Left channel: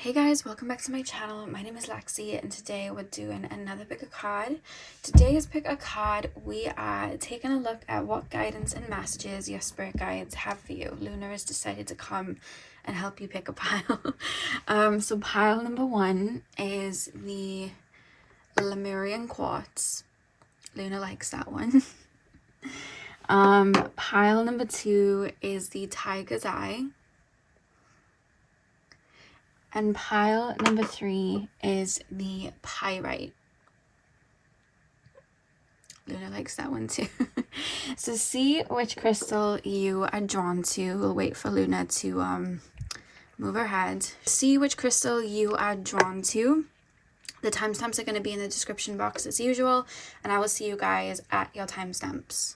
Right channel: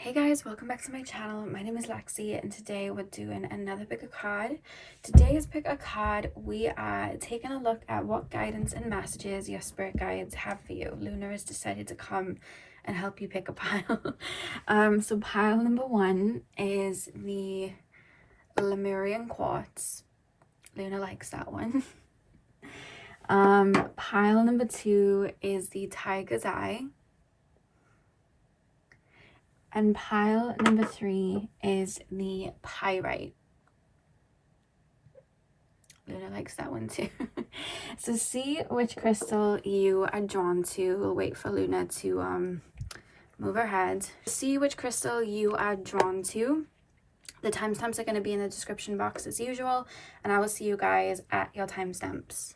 Hey guys, welcome back to my channel. My name is Lexi and today we're doing another pick a card. Today's pick a card, we are taking a look at what guidance and messages your spirit guides have for you. Luna has decided to come and help you pick a pile. So pile number one is the Lemurian quartz. Luna likes that one. Pile number two is the tiger's eye. And pile number three is the pyrite. Luna likes that one too. So see which crystal you are drawn to. We'll wait for Luna to move her head. See which crystal you are drawn to. The timestamps are going to be in the description box as usual. And I will see you guys at your timestamps.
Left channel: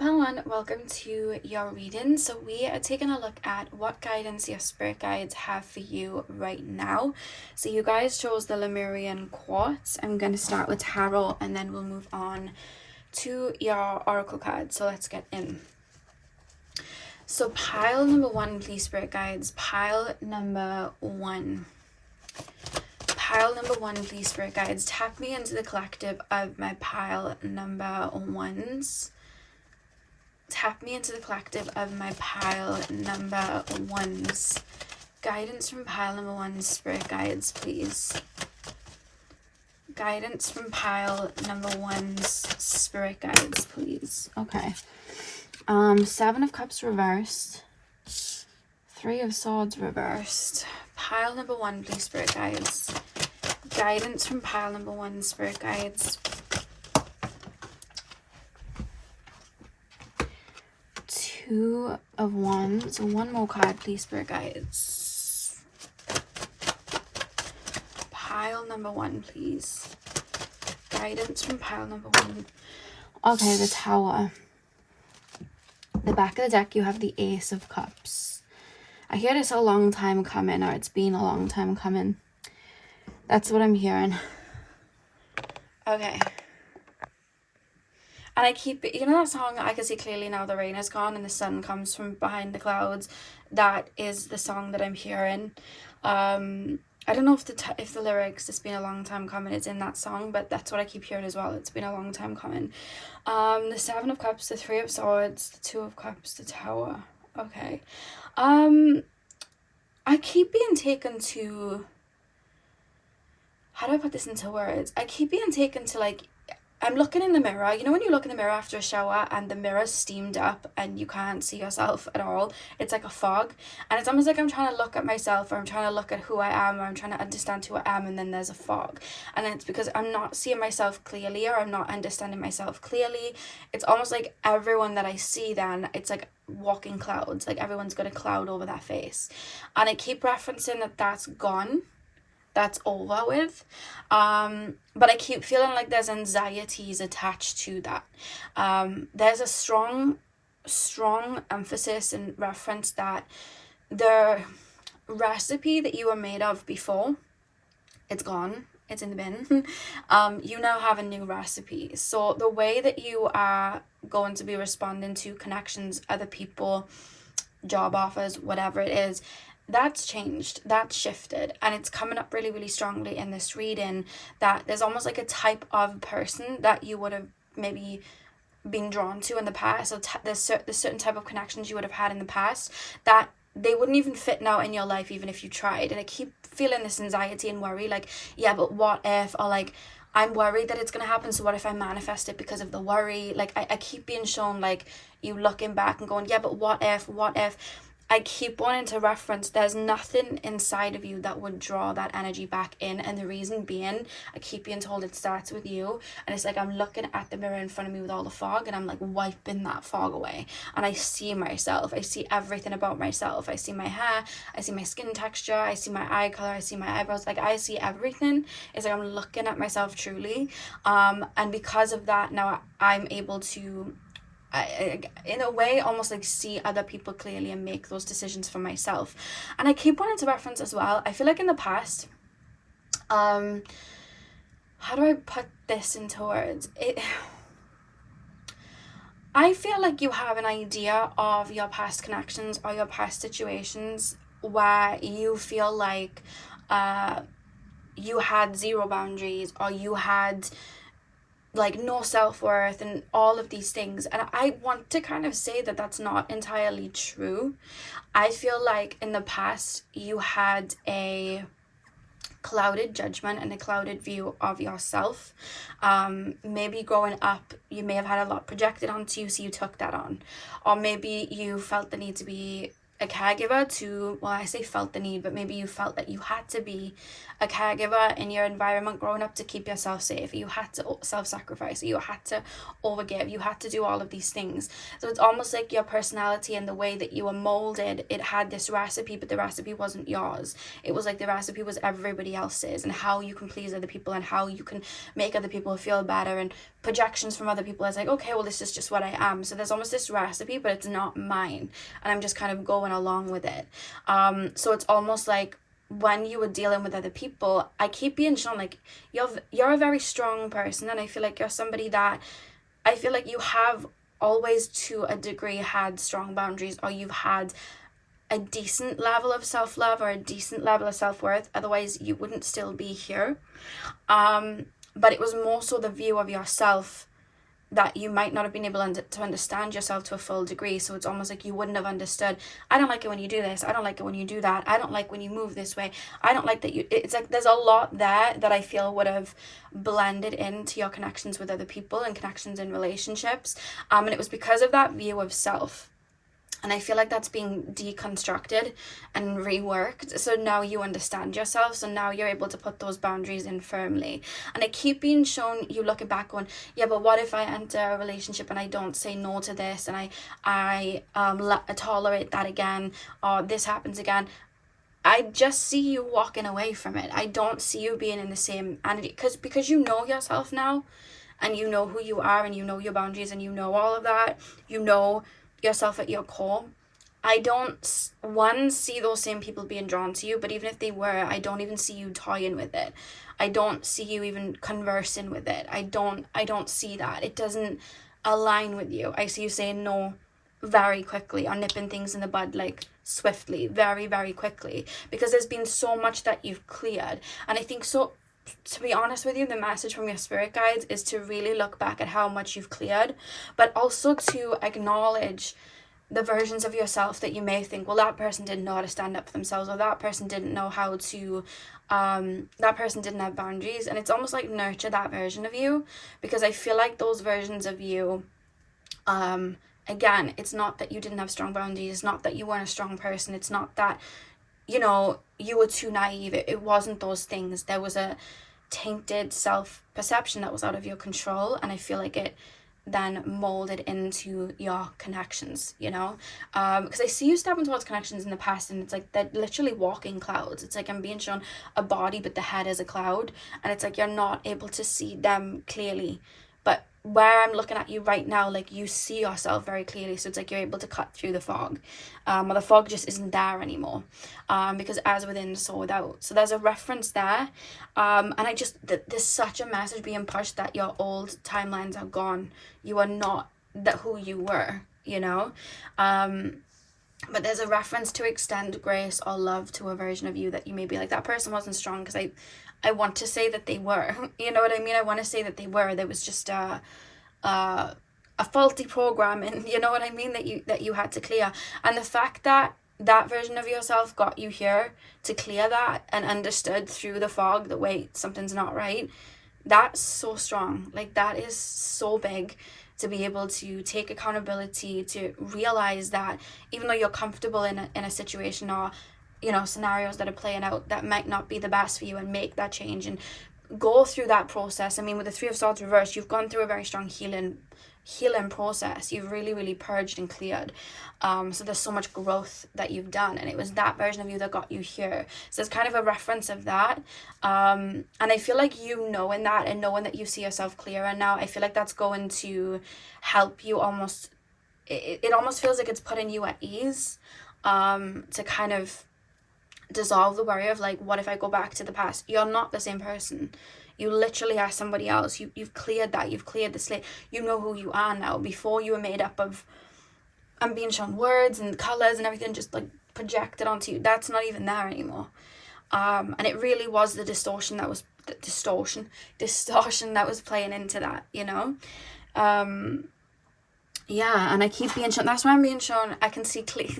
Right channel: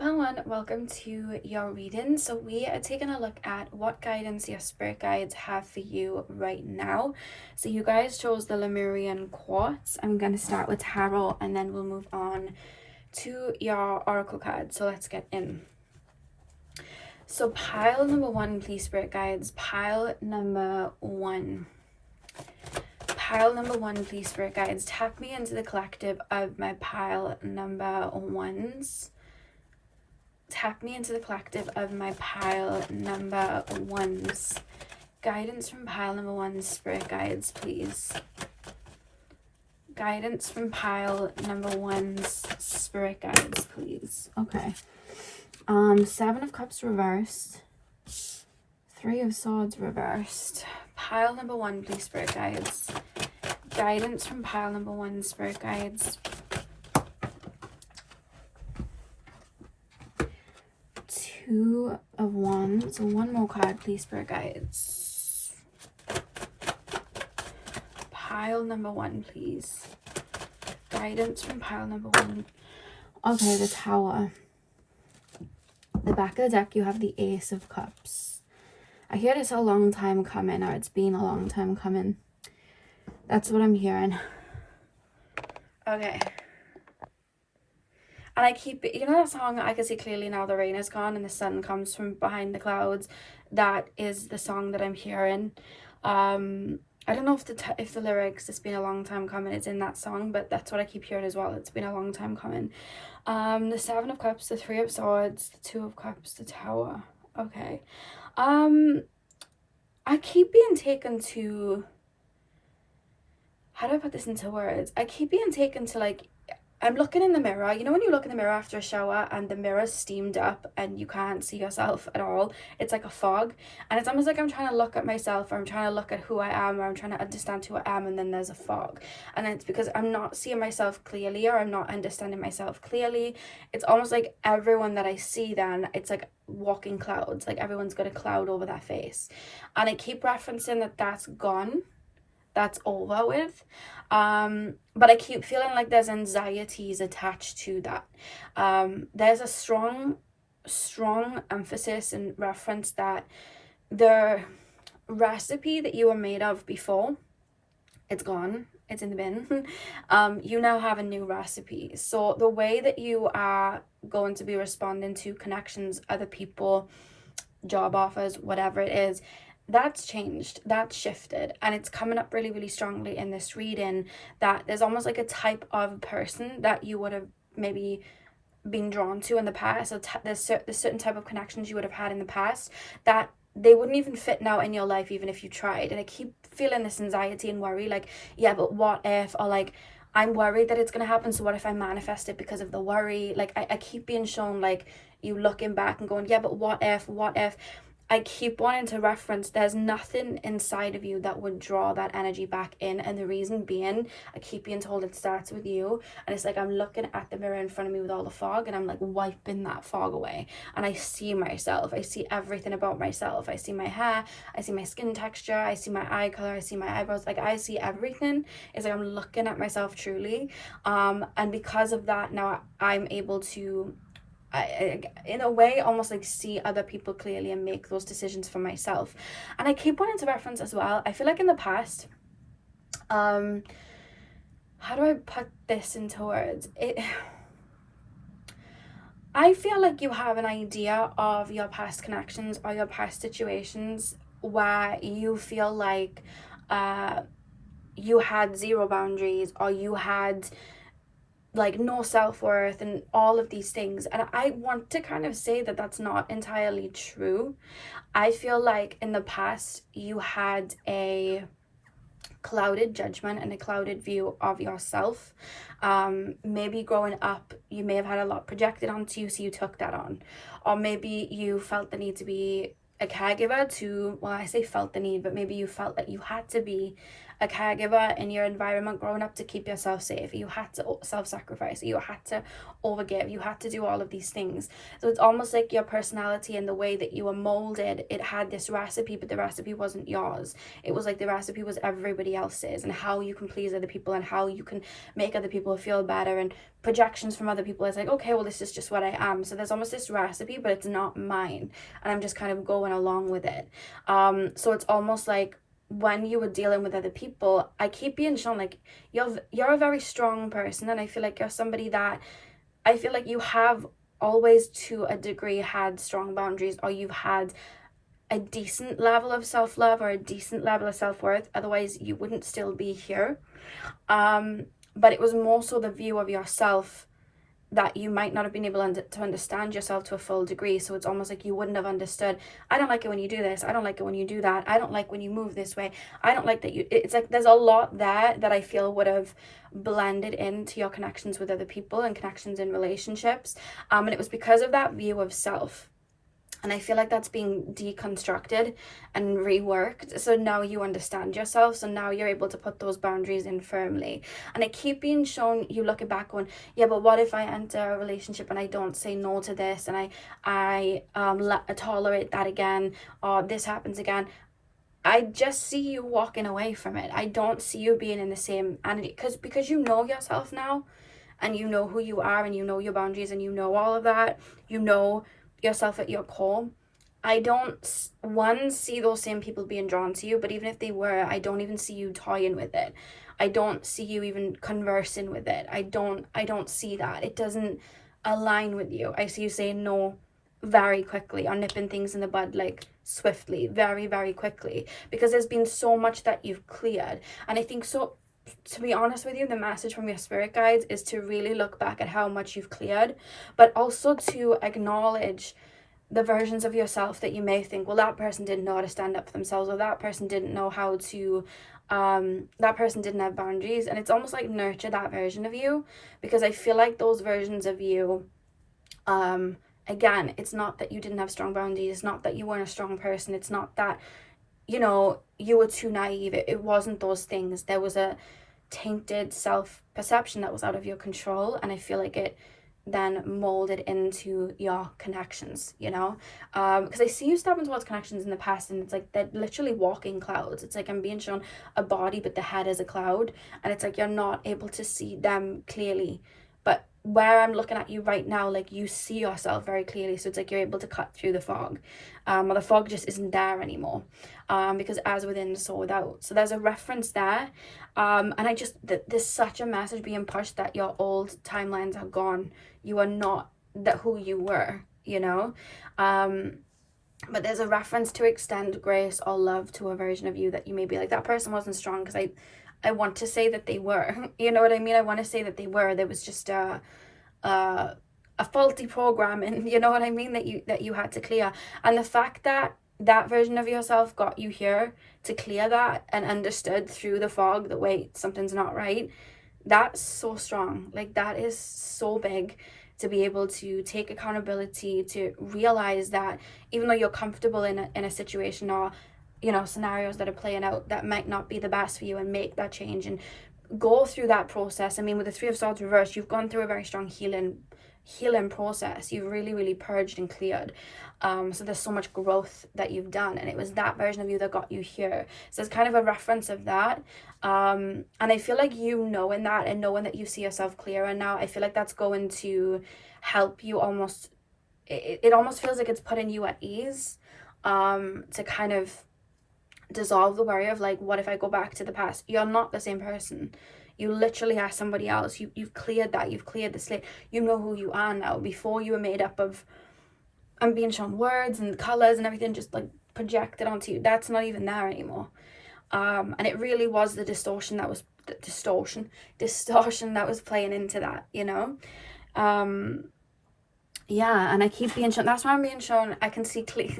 Pile one, welcome to your reading. So we are taking a look at what guidance your spirit guides have for you right now. So you guys chose the Lemurian quartz. I'm going to start with tarot and then we'll move on to your oracle card. So let's get in. So pile number one, please, spirit guides. Pile number one. Pile number one, please, spirit guides. Tap me into the collective of my pile number ones. Tap me into the collective of my pile number ones. Guidance from pile number one, spirit guides, please. Guidance from pile number one's spirit guides, please. Okay. Seven of Cups reversed. Three of Swords reversed. Pile number one, please, spirit guides. Guidance from pile number one, spirit guides. Two of Wands. So one more card, please, spirit guides. Pile number one, please. Guidance from pile number one. Okay, the Tower. The back of the deck, you have the Ace of Cups. I hear it's a long time coming, or it's been a long time coming. That's what I'm hearing. Okay. And I keep, you know that song, I Can See Clearly Now the Rain Is Gone and the Sun Comes From Behind the Clouds? That is the song that I'm hearing. I don't know if the lyrics, it's been a long time coming, it's in that song, but that's what I keep hearing as well. It's been a long time coming. The Seven of Cups, the Three of Swords, the Two of Cups, the Tower. Okay. I keep being taken to, how do I put this into words? I keep being taken to, like, I'm looking in the mirror. You know when you look in the mirror after a shower and the mirror's steamed up and you can't see yourself at all? It's like a fog. And it's almost like I'm trying to look at myself, or I'm trying to look at who I am, or I'm trying to understand who I am, and then there's a fog. And it's because I'm not seeing myself clearly, or I'm not understanding myself clearly. It's almost like everyone that I see then, it's like walking clouds. Like everyone's got a cloud over their face. And I keep referencing that that's gone. That's over with, but I keep feeling like there's anxieties attached to that. There's a strong emphasis and reference that the recipe that you were made of before, it's gone, it's in the bin. You now have a new recipe. So the way that you are going to be responding to connections, other people, job offers, whatever it is, that's changed, that's shifted, and it's coming up really, really strongly in this reading that there's almost like a type of person that you would have maybe been drawn to in the past. So there's certain type of connections you would have had in the past that they wouldn't even fit now in your life even if you tried. And I keep feeling this anxiety and worry, like, yeah, but what if, or like, I'm worried that it's going to happen, so what if I manifest it because of the worry? Like, I keep being shown, like, you looking back and going, yeah, but what if? I keep wanting to reference there's nothing inside of you that would draw that energy back in. And the reason being, I keep being told it starts with you. And it's like I'm looking at the mirror in front of me with all the fog, and I'm like wiping that fog away. And I see myself. I see everything about myself. I see my hair. I see my skin texture. I see my eye color. I see my eyebrows. Like I see everything. It's like I'm looking at myself truly. And because of that, now I'm able to, I, in a way, almost like see other people clearly and make those decisions for myself. And I keep wanting to reference as well, I feel like in the past, how do I put this into words? I feel like you have an idea of your past connections or your past situations where you feel like you had zero boundaries, or you had like no self-worth and all of these things. And I want to kind of say that that's not entirely true. I feel like in the past you had a clouded judgment and a clouded view of yourself. Maybe growing up you may have had a lot projected onto you, so you took that on. Or maybe you felt the need to be a caregiver to, well, I say felt the need, but maybe you felt that you had to be a caregiver in your environment growing up to keep yourself safe. You had to self-sacrifice, you had to overgive, you had to do all of these things. So it's almost like your personality and the way that you were molded, it had this recipe, but the recipe wasn't yours. It was like the recipe was everybody else's, and how you can please other people and how you can make other people feel better, and projections from other people is like, okay, well, this is just what I am. So there's almost this recipe, but it's not mine, and I'm just kind of going along with it. So it's almost like when you were dealing with other people, I keep being shown like you're a very strong person, and I feel like you're somebody that I feel like you have always to a degree had strong boundaries, or you've had a decent level of self-love or a decent level of self-worth, otherwise you wouldn't still be here. But it was more so the view of yourself that you might not have been able to understand yourself to a full degree. So it's almost like you wouldn't have understood, I don't like it when you do this, I don't like it when you do that, I don't like when you move this way, I don't like that you, it's like there's a lot there that I feel would have blended into your connections with other people and connections in relationships. And it was because of that view of self. And I feel like that's being deconstructed and reworked. So now you understand yourself. So now you're able to put those boundaries in firmly. And I keep being shown, you looking back on, yeah, but what if I enter a relationship and I don't say no to this, and I tolerate that again, or this happens again? I just see you walking away from it. I don't see you being in the same entity, because you know yourself now, and you know who you are, and you know your boundaries, and you know all of that. You know yourself at your core. I don't see those same people being drawn to you, but even if they were, I don't even see you toying with it. I don't see you even conversing with it. I don't see that. It doesn't align with you. I see you saying no very quickly, or nipping things in the bud like swiftly, very, very quickly, because there's been so much that you've cleared. And I think, so to be honest with you, the message from your spirit guides is to really look back at how much you've cleared, but also to acknowledge the versions of yourself that you may think, well, that person didn't know how to stand up for themselves, or that person didn't know how to that person didn't have boundaries. And it's almost like nurture that version of you, because I feel like those versions of you, again, it's not that you didn't have strong boundaries, it's not that you weren't a strong person, it's not that, you know, you were too naive. It wasn't those things. There was a tainted self-perception that was out of your control, and I feel like it then molded into your connections, you know, because I see you stepping towards connections in the past, and it's like they're literally walking clouds. It's like I'm being shown a body, but the head is a cloud, and it's like you're not able to see them clearly. But where I'm looking at you right now, like you see yourself very clearly, so it's like you're able to cut through the fog, or the fog just isn't there anymore, because as within, so without. So there's a reference there, and I just, there's such a message being pushed that your old timelines are gone. You are not that who you were, you know. But there's a reference to extend grace or love to a version of you that you may be like, that person wasn't strong, because I want to say that they were, you know what I mean? I want to say that they were. There was just a faulty programming, you know what I mean, that you had to clear. And the fact that that version of yourself got you here to clear that, and understood through the fog that, wait, something's not right, that's so strong. Like, that is so big, to be able to take accountability, to realize that even though you're comfortable in a situation, or, you know, scenarios that are playing out that might not be the best for you, and make that change and go through that process. I mean, with the Three of Swords reversed, you've gone through a very strong healing process. You've really purged and cleared. So there's so much growth that you've done, and it was that version of you that got you here. So it's kind of a reference of that. And I feel like you knowing that, and knowing that you see yourself clearer now, I feel like that's going to help you almost, it almost feels like it's putting you at ease, to kind of dissolve the worry of like, what if I go back to the past? You're not the same person. You literally are somebody else. You've cleared that. You've cleared the slate. You know who you are now. Before, you were made up of, I'm being shown words and colors and everything, just like projected onto you, that's not even there anymore. And it really was the distortion that was distortion that was playing into that, you know. Yeah, and I keep being shown, that's why I'm being shown, I can see clear,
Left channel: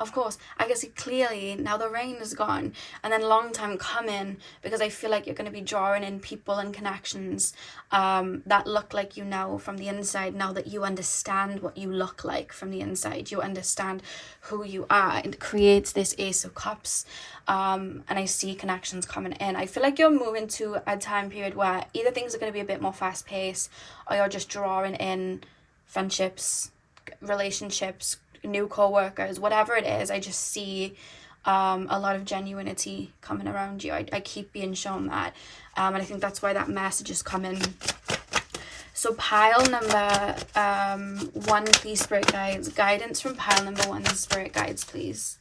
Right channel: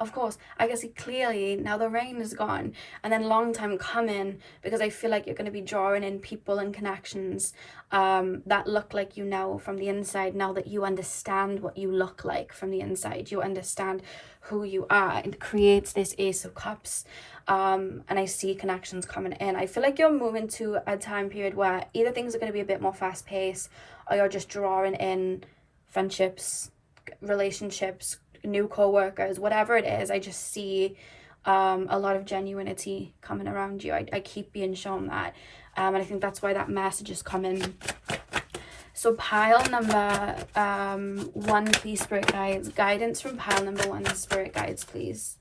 of course, I can see clearly now the rain is gone, and then long time coming, because I feel like you're going to be drawing in people and connections that look like you now from the inside, now that you understand what you look like from the inside, you understand who you are. It creates this Ace of Cups, and I see connections coming in. I feel like you're moving to a time period where either things are going to be a bit more fast paced, or you're just drawing in friendships, relationships, new co-workers, whatever it is. I just see a lot of genuinity coming around you. I keep being shown that, and I think that's why that message is coming. So pile number 1, please, spirit guides. Guidance from pile number 1, spirit guides, please.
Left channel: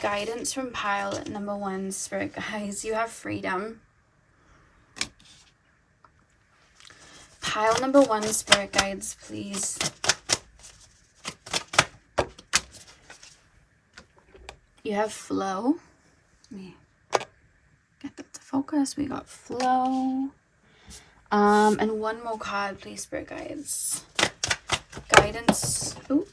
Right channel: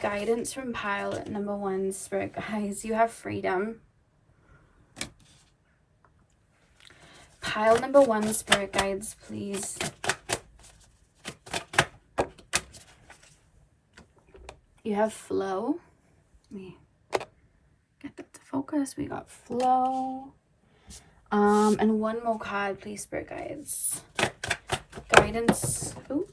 Guidance from pile number 1, spirit guides. You have freedom. Pile number 1, spirit guides, please. You have flow. Let me get that to focus. We got flow. And one more card, please, spirit guides. Guidance. Ooh.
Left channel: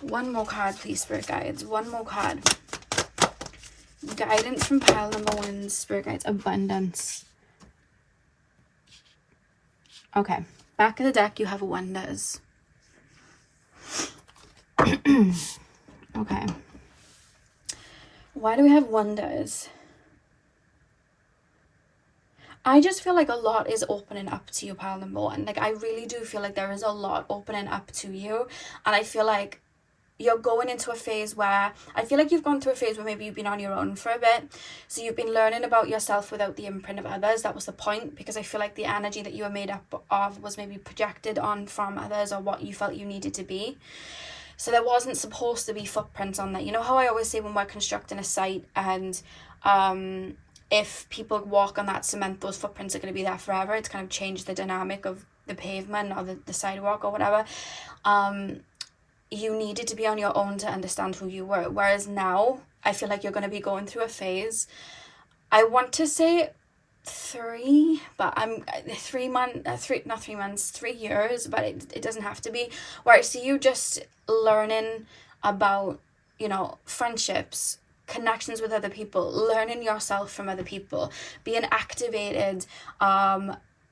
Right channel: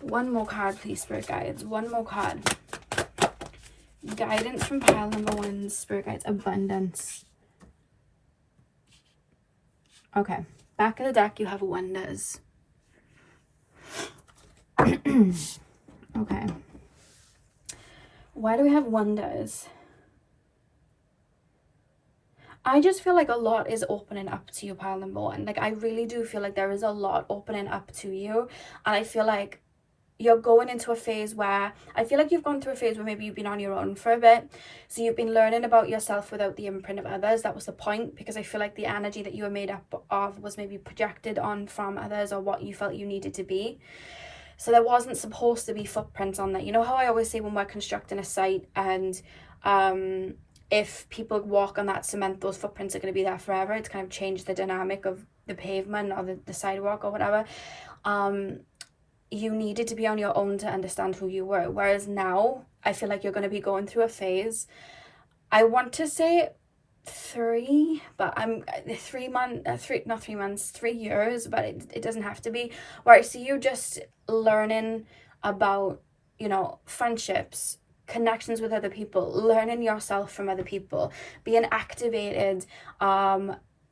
One more card, please, spirit guides. One more card. Guidance from pile number 1, spirit guides. Abundance. Okay. Back of the deck, you have wonders. Okay. Why do we have wonders? I just feel like a lot is opening up to you, pile number 1. Like, I really do feel like there is a lot opening up to you. And I feel like you're going into a phase where, I feel like you've gone through a phase where maybe you've been on your own for a bit. So you've been learning about yourself without the imprint of others. That was the point, because I feel like the energy that you were made up of was maybe projected on from others, or what you felt you needed to be. So there wasn't supposed to be footprints on that. You know how I always say when we're constructing a site, and if people walk on that cement, those footprints are going to be there forever. It's kind of changed the dynamic of the pavement or the sidewalk or whatever. You needed to be on your own to understand who you were. Whereas now, I feel like you're going to be going through a phase. I want to say 3, but I'm 3 months, not 3 months, 3 years, but it doesn't have to be, where I see you just learning about, you know, friendships, connections with other people, learning yourself from other people, being activated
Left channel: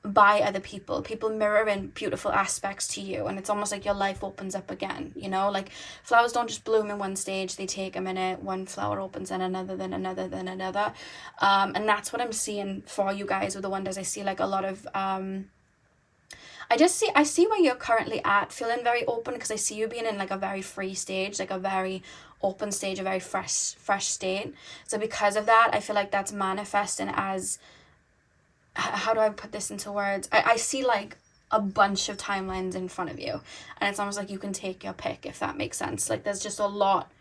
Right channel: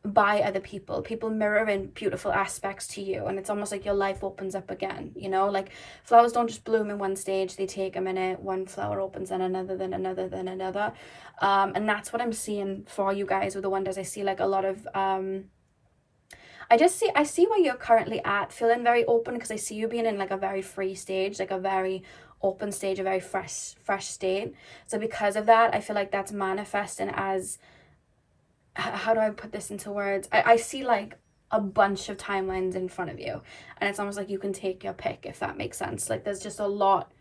by other people mirroring beautiful aspects to you, and it's almost like your life opens up again, you know. Like, flowers don't just bloom in one stage, they take a minute. One flower opens, then another, then another, then another, and that's what I'm seeing for you guys with the wonders. I see like a lot of I see where you're currently at, feeling very open, because I see you being in like a very free stage, like a very open stage, a very fresh state. So because of that, I feel like that's manifesting as, how do I put this into words? I see like a bunch of timelines in front of you, and it's almost like you can take your pick, if that makes sense. Like, there's just a lot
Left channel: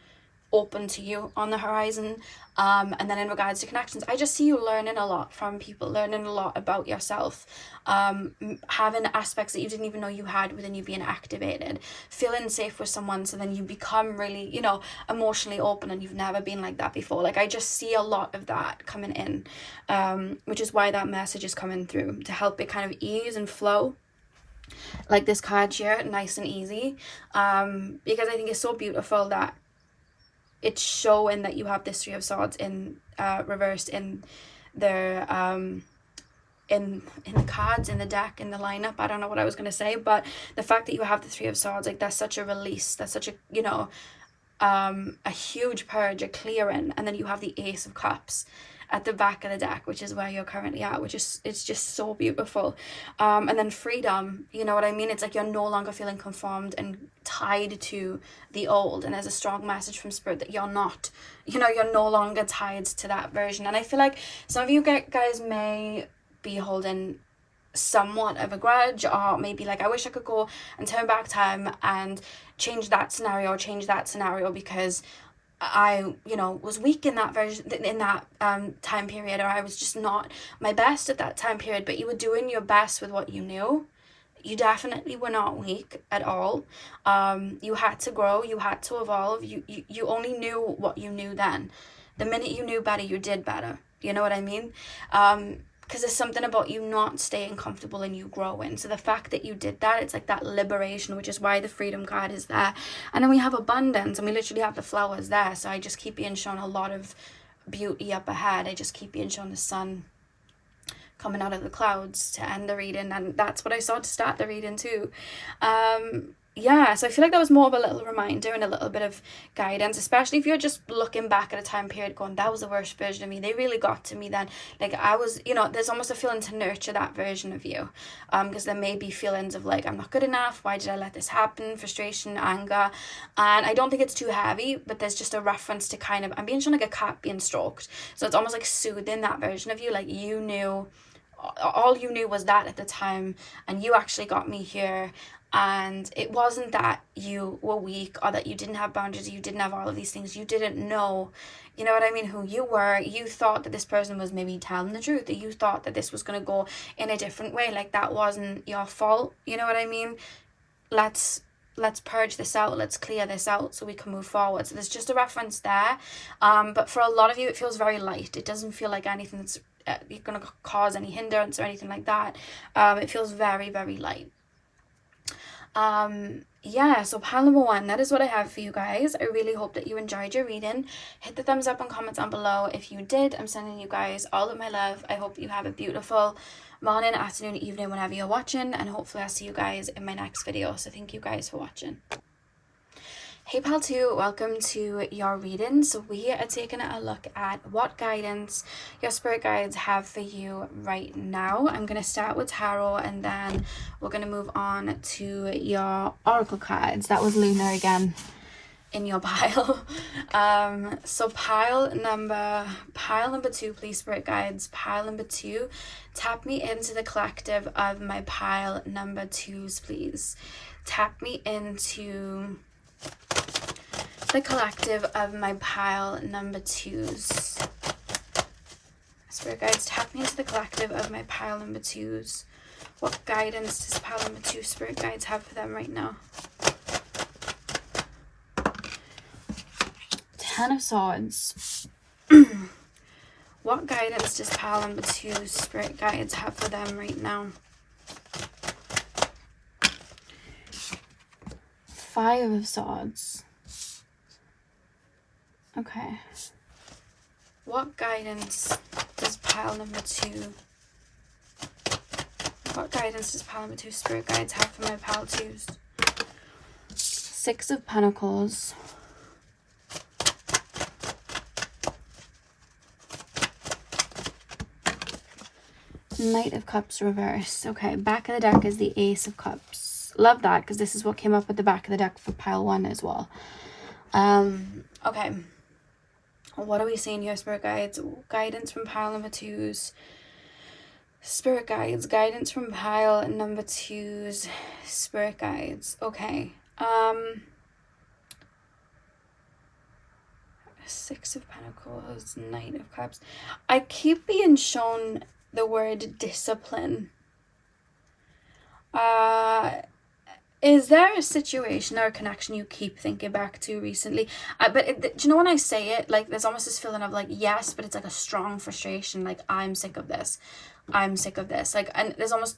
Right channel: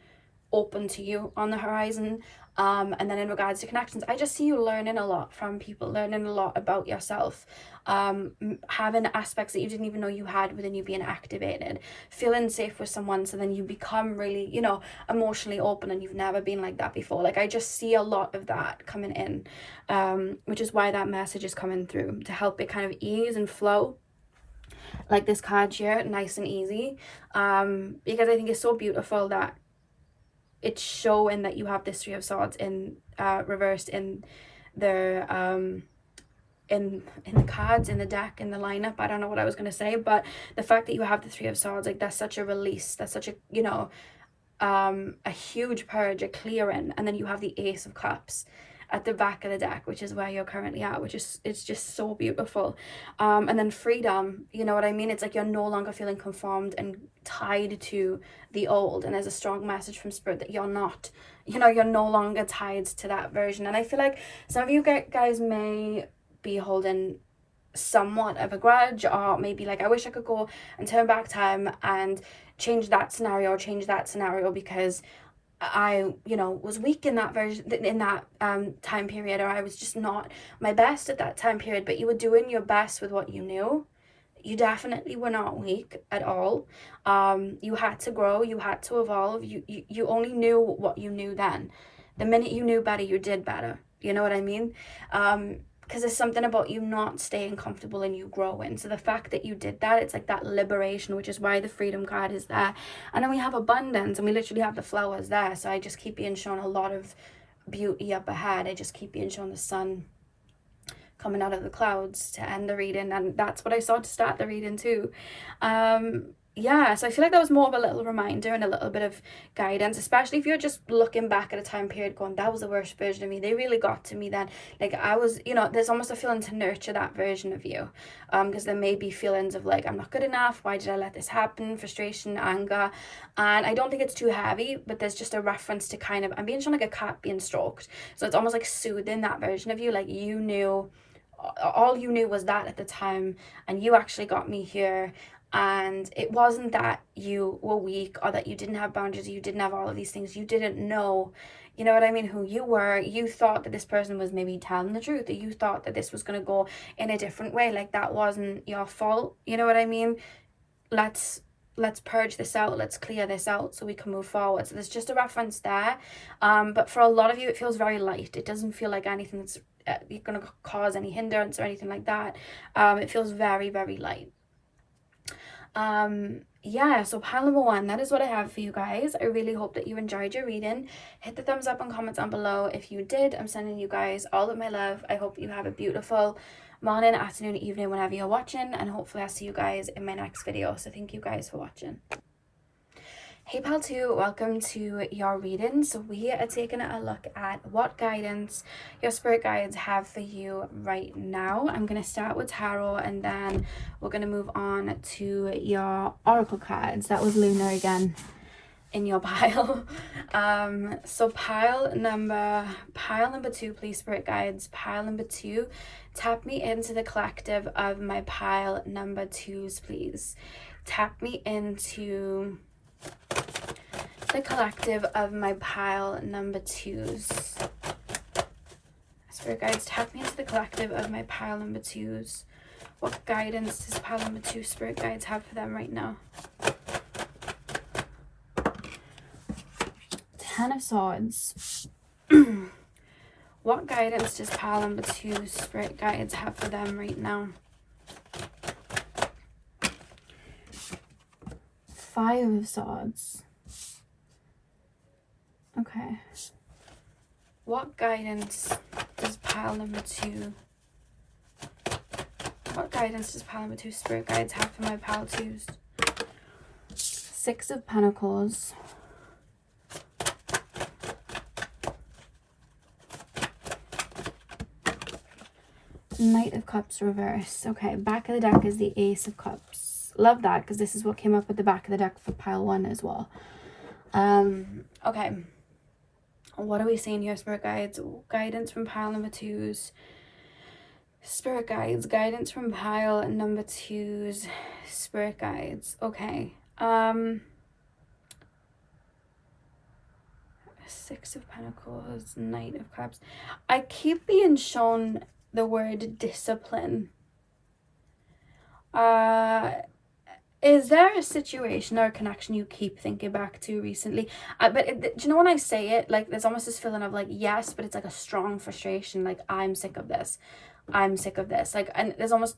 open to you on the horizon. And then in regards to connections, I just see you learning a lot from people, learning a lot about yourself, having aspects that you didn't even know you had within you being activated, feeling safe with someone, so then you become really, you know, emotionally open, and you've never been like that before. Like, I just see a lot of that coming in, which is why that message is coming through, to help it kind of ease and flow, like this card here, nice and easy, because I think it's so beautiful that it's showing that you have this 3 of Swords in reversed in the cards, in the deck, in the lineup. I don't know what I was going to say, but the fact that you have the 3 of Swords, like, that's such a release, that's such a, you know, a huge purge, a clearing. And then you have the Ace of Cups at the back of the deck, which is where you're currently at, which is, it's just so beautiful. And then freedom, you know what I mean? It's like you're no longer feeling conformed and tied to the old, and there's a strong message from spirit that you're not, you know, you're no longer tied to that version. And I feel like some of you guys may be holding somewhat of a grudge, or maybe like, I wish I could go and turn back time and change that scenario, because I, you know, was weak in that version, in that time period, or I was just not my best at that time period. But you were doing your best with what you knew, You definitely were not weak at all. You had to grow, you had to evolve. You only knew what you knew then. The minute you knew better, you did better. You know what I mean? Because there's something about you not staying comfortable and you growing. So the fact that you did that, it's like that liberation, which is why the freedom card is there. And then we have abundance, and we literally have the flowers there. So I just keep being shown a lot of beauty up ahead. I just keep being shown the sun coming out of the clouds to end the reading, and that's what I saw to start the reading too. Yeah, so I feel like that was more of a little reminder and a little bit of guidance, especially if you're just looking back at a time period going, that was the worst version of me, they really got to me then. Like, I was, you know, there's almost a feeling to nurture that version of you, because there may be feelings of like, I'm not good enough, why did I let this happen, frustration, anger. And I don't think it's too heavy, but there's just a reference to kind of, I'm being shown like a cat being stroked, so it's almost like soothing that version of you. Like, you knew, all you knew was that at the time, and you actually got me here. And it wasn't that you were weak or that you didn't have boundaries, you didn't have all of these things, you didn't know, you know what I mean, who you were. You thought that this person was maybe telling the truth, that you thought that this was going to go in a different way. Like, that wasn't your fault, you know what I mean. Let's purge this out, let's clear this out so we can move forward. So there's just a reference there, but for a lot of you it feels very light. It doesn't feel like anything that's you're going to cause any hindrance or anything like that. It feels very, very light. Yeah, so pile number 1, that is what I have for you guys. I really hope that you enjoyed your reading. Hit the thumbs up and comments down below if you did. I'm sending you guys all of my love. I hope you have a beautiful morning, afternoon, evening, whenever you're watching, and hopefully I'll see you guys in my next video. So thank you guys for watching. Hey pal 2, welcome to your reading. So we are taking a look at what guidance your spirit guides have for you right now. I'm going to start with tarot, and then we're going to move on to your oracle cards. That was Luna again in your pile. So pile number 2, please, spirit guides. Pile number 2, tap me into the collective of my pile number 2s, please. Tap me into the collective of my pile number 2s. Spirit guides, tap me into the collective of my pile number 2s. What guidance does pile number 2 spirit guides have for them right now? 10 of Swords. What guidance does pile number 2 spirit guides have for them right now? 5 of Swords. Okay. What guidance does pile number 2? What guidance does pile number 2 spirit guides have for my pile 2s? 6 of Pentacles. Knight of Cups reverse. Okay, back of the deck is the Ace of Cups. Love that, because this is what came up at the back of the deck for pile 1 as well. Okay. What are we seeing here, spirit guides? Guidance from pile number 2s. Spirit guides, guidance from pile number 2s. Spirit guides. Okay. 6 of Pentacles, Knight of Cups. I keep being shown the word discipline. Is there a situation or a connection you keep thinking back to recently? Do you know when I say it, like, there's almost this feeling of like, yes, but it's like a strong frustration. Like, I'm sick of this. I'm sick of this. Like, and there's almost,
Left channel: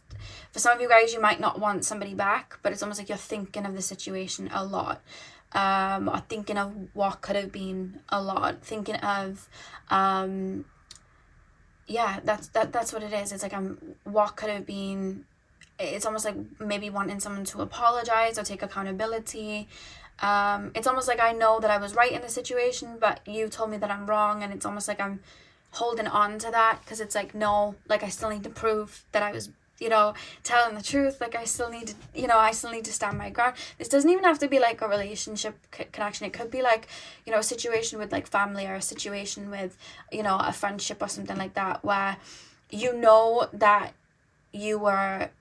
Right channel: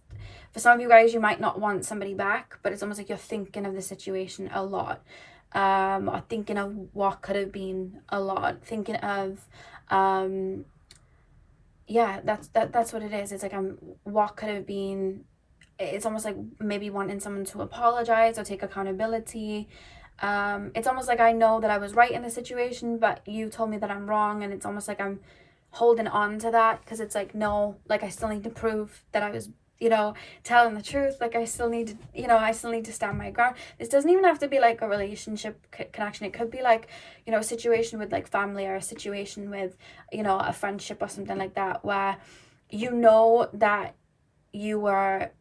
for some of you guys, you might not want somebody back, but it's almost like you're thinking of the situation a lot. Or thinking of what could have been a lot. Thinking of, yeah, that's what it is. It's like, what could have been. It's almost like maybe wanting someone to apologize or take accountability. It's almost like I know that I was right in the situation, but you told me that I'm wrong, and it's almost like I'm holding on to that, because it's like, no, like, I still need to prove that I was, you know, telling the truth. Like, I still need to, you know, I still need to stand my ground. This doesn't even have to be like a relationship connection. It could be like, you know, a situation with like family, or a situation with, you know, a friendship or something like that, where you know that you were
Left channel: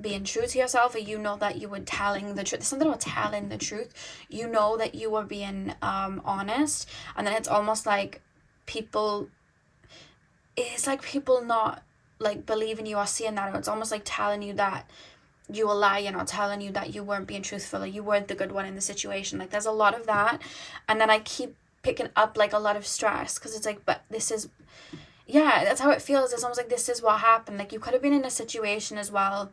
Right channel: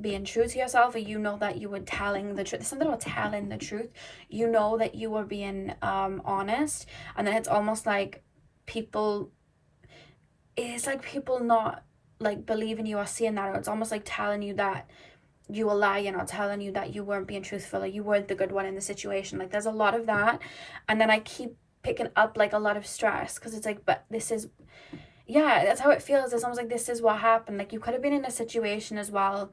being true to yourself, or you know that you were telling the truth. There's something about telling the truth. You know that you were being honest, and then it's almost like people, it's like people not like believing you or seeing that, or it's almost like telling you that you were lying or telling you that you weren't being truthful or you weren't the good one in the situation. Like there's a lot of that. And then I keep picking up like a lot of stress because it's like, but this is, yeah, that's how it feels. It's almost like this is what happened. Like you could have been in a situation as well.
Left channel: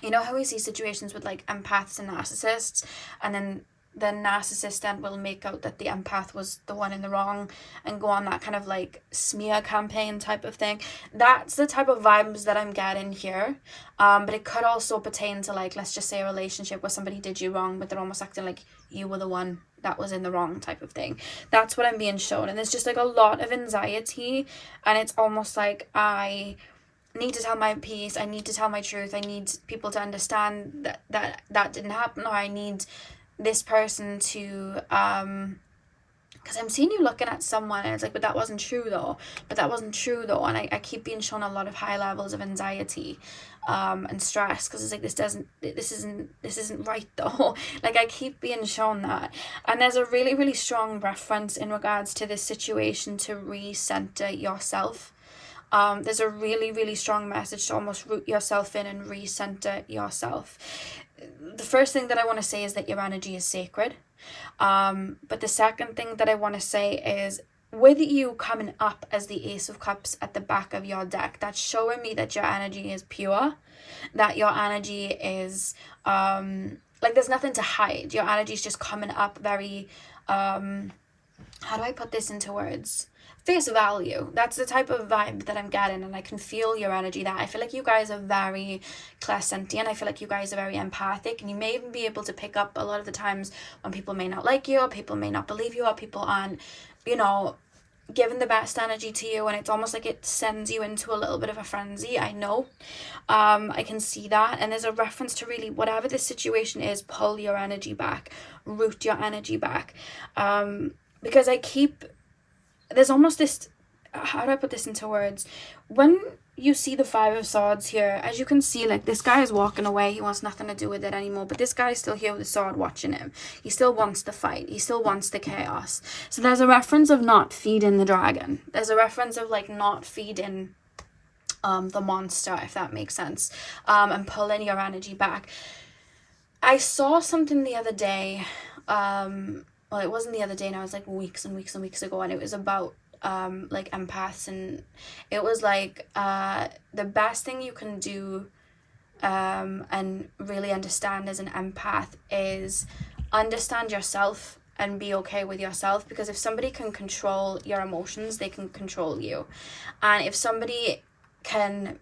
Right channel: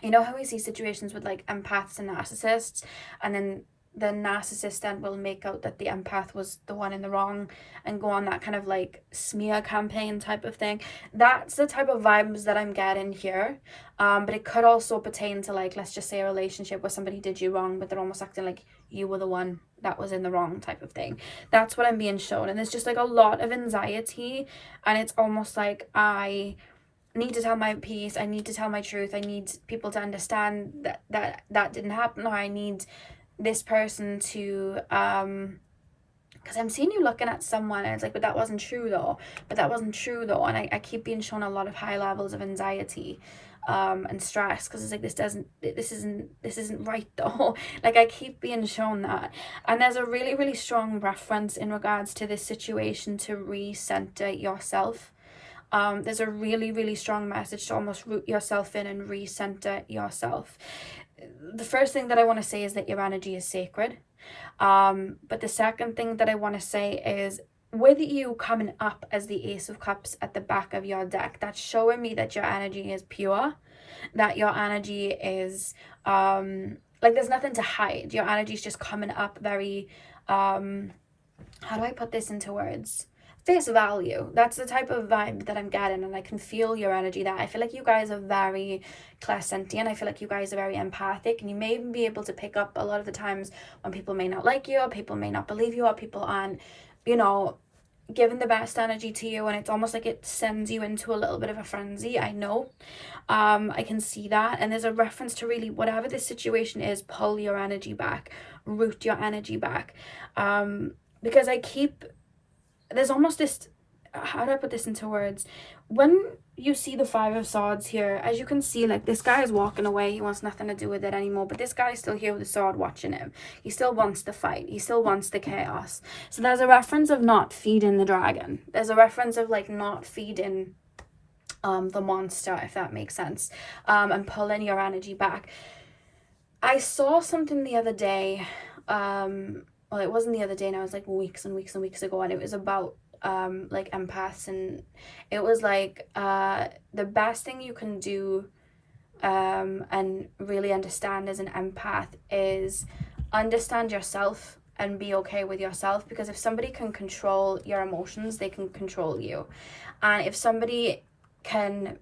You know how we see situations with like empaths and narcissists, and then the narcissist then will make out that the empath was the one in the wrong and go on that kind of like smear campaign type of thing. That's the type of vibes that I'm getting here. But it could also pertain to like, let's just say a relationship where somebody did you wrong, but they're almost acting like you were the one that was in the wrong type of thing. That's what I'm being shown. And there's just like a lot of anxiety, and it's almost like I need to tell my piece, I need to tell my truth, I need people to understand that didn't happen, or I need this person to because I'm seeing you looking at someone and it's like, but that wasn't true though, and I keep being shown a lot of high levels of anxiety and stress, because it's like, this isn't right though. Like I keep being shown that. And there's a really, really strong reference in regards to this situation to recenter yourself. There's a really, really strong message to almost root yourself in and recenter yourself. The first thing that I want to say is that your energy is sacred. But the second thing that I want to say is, with you coming up as the Ace of Cups at the back of your deck, that's showing me that your energy is pure, that your energy is like there's nothing to hide. Your energy is just coming up very how do I put this into words? Face value. That's the type of vibe that I'm getting, and I can feel your energy. That I feel like you guys are very clairsentient. I feel like you guys are very empathic, and you may even be able to pick up a lot of the times when people may not like you, or people may not believe you, or people aren't, you know, giving the best energy to you, and it's almost like it sends you into a little bit of a frenzy. I know. I can see that. And there's a reference to really, whatever the situation is, pull your energy back, root your energy back. Because there's almost this, how do I put this into words? When you see the Five of Swords here, as you can see, like this guy is walking away. He wants nothing to do with it anymore. But this guy is still here with a sword watching him. He still wants the fight. He still wants the chaos. So there's a reference of not feeding the dragon. There's a reference of like not feeding the monster, if that makes sense. And pulling your energy back. I saw something the other day, well, it wasn't the other day now, it was like weeks and weeks and weeks ago, and it was about like empaths, and it was like the best thing you can do and really understand as an empath is understand yourself and be okay with yourself, because if somebody can control your emotions, they can control you. And if somebody can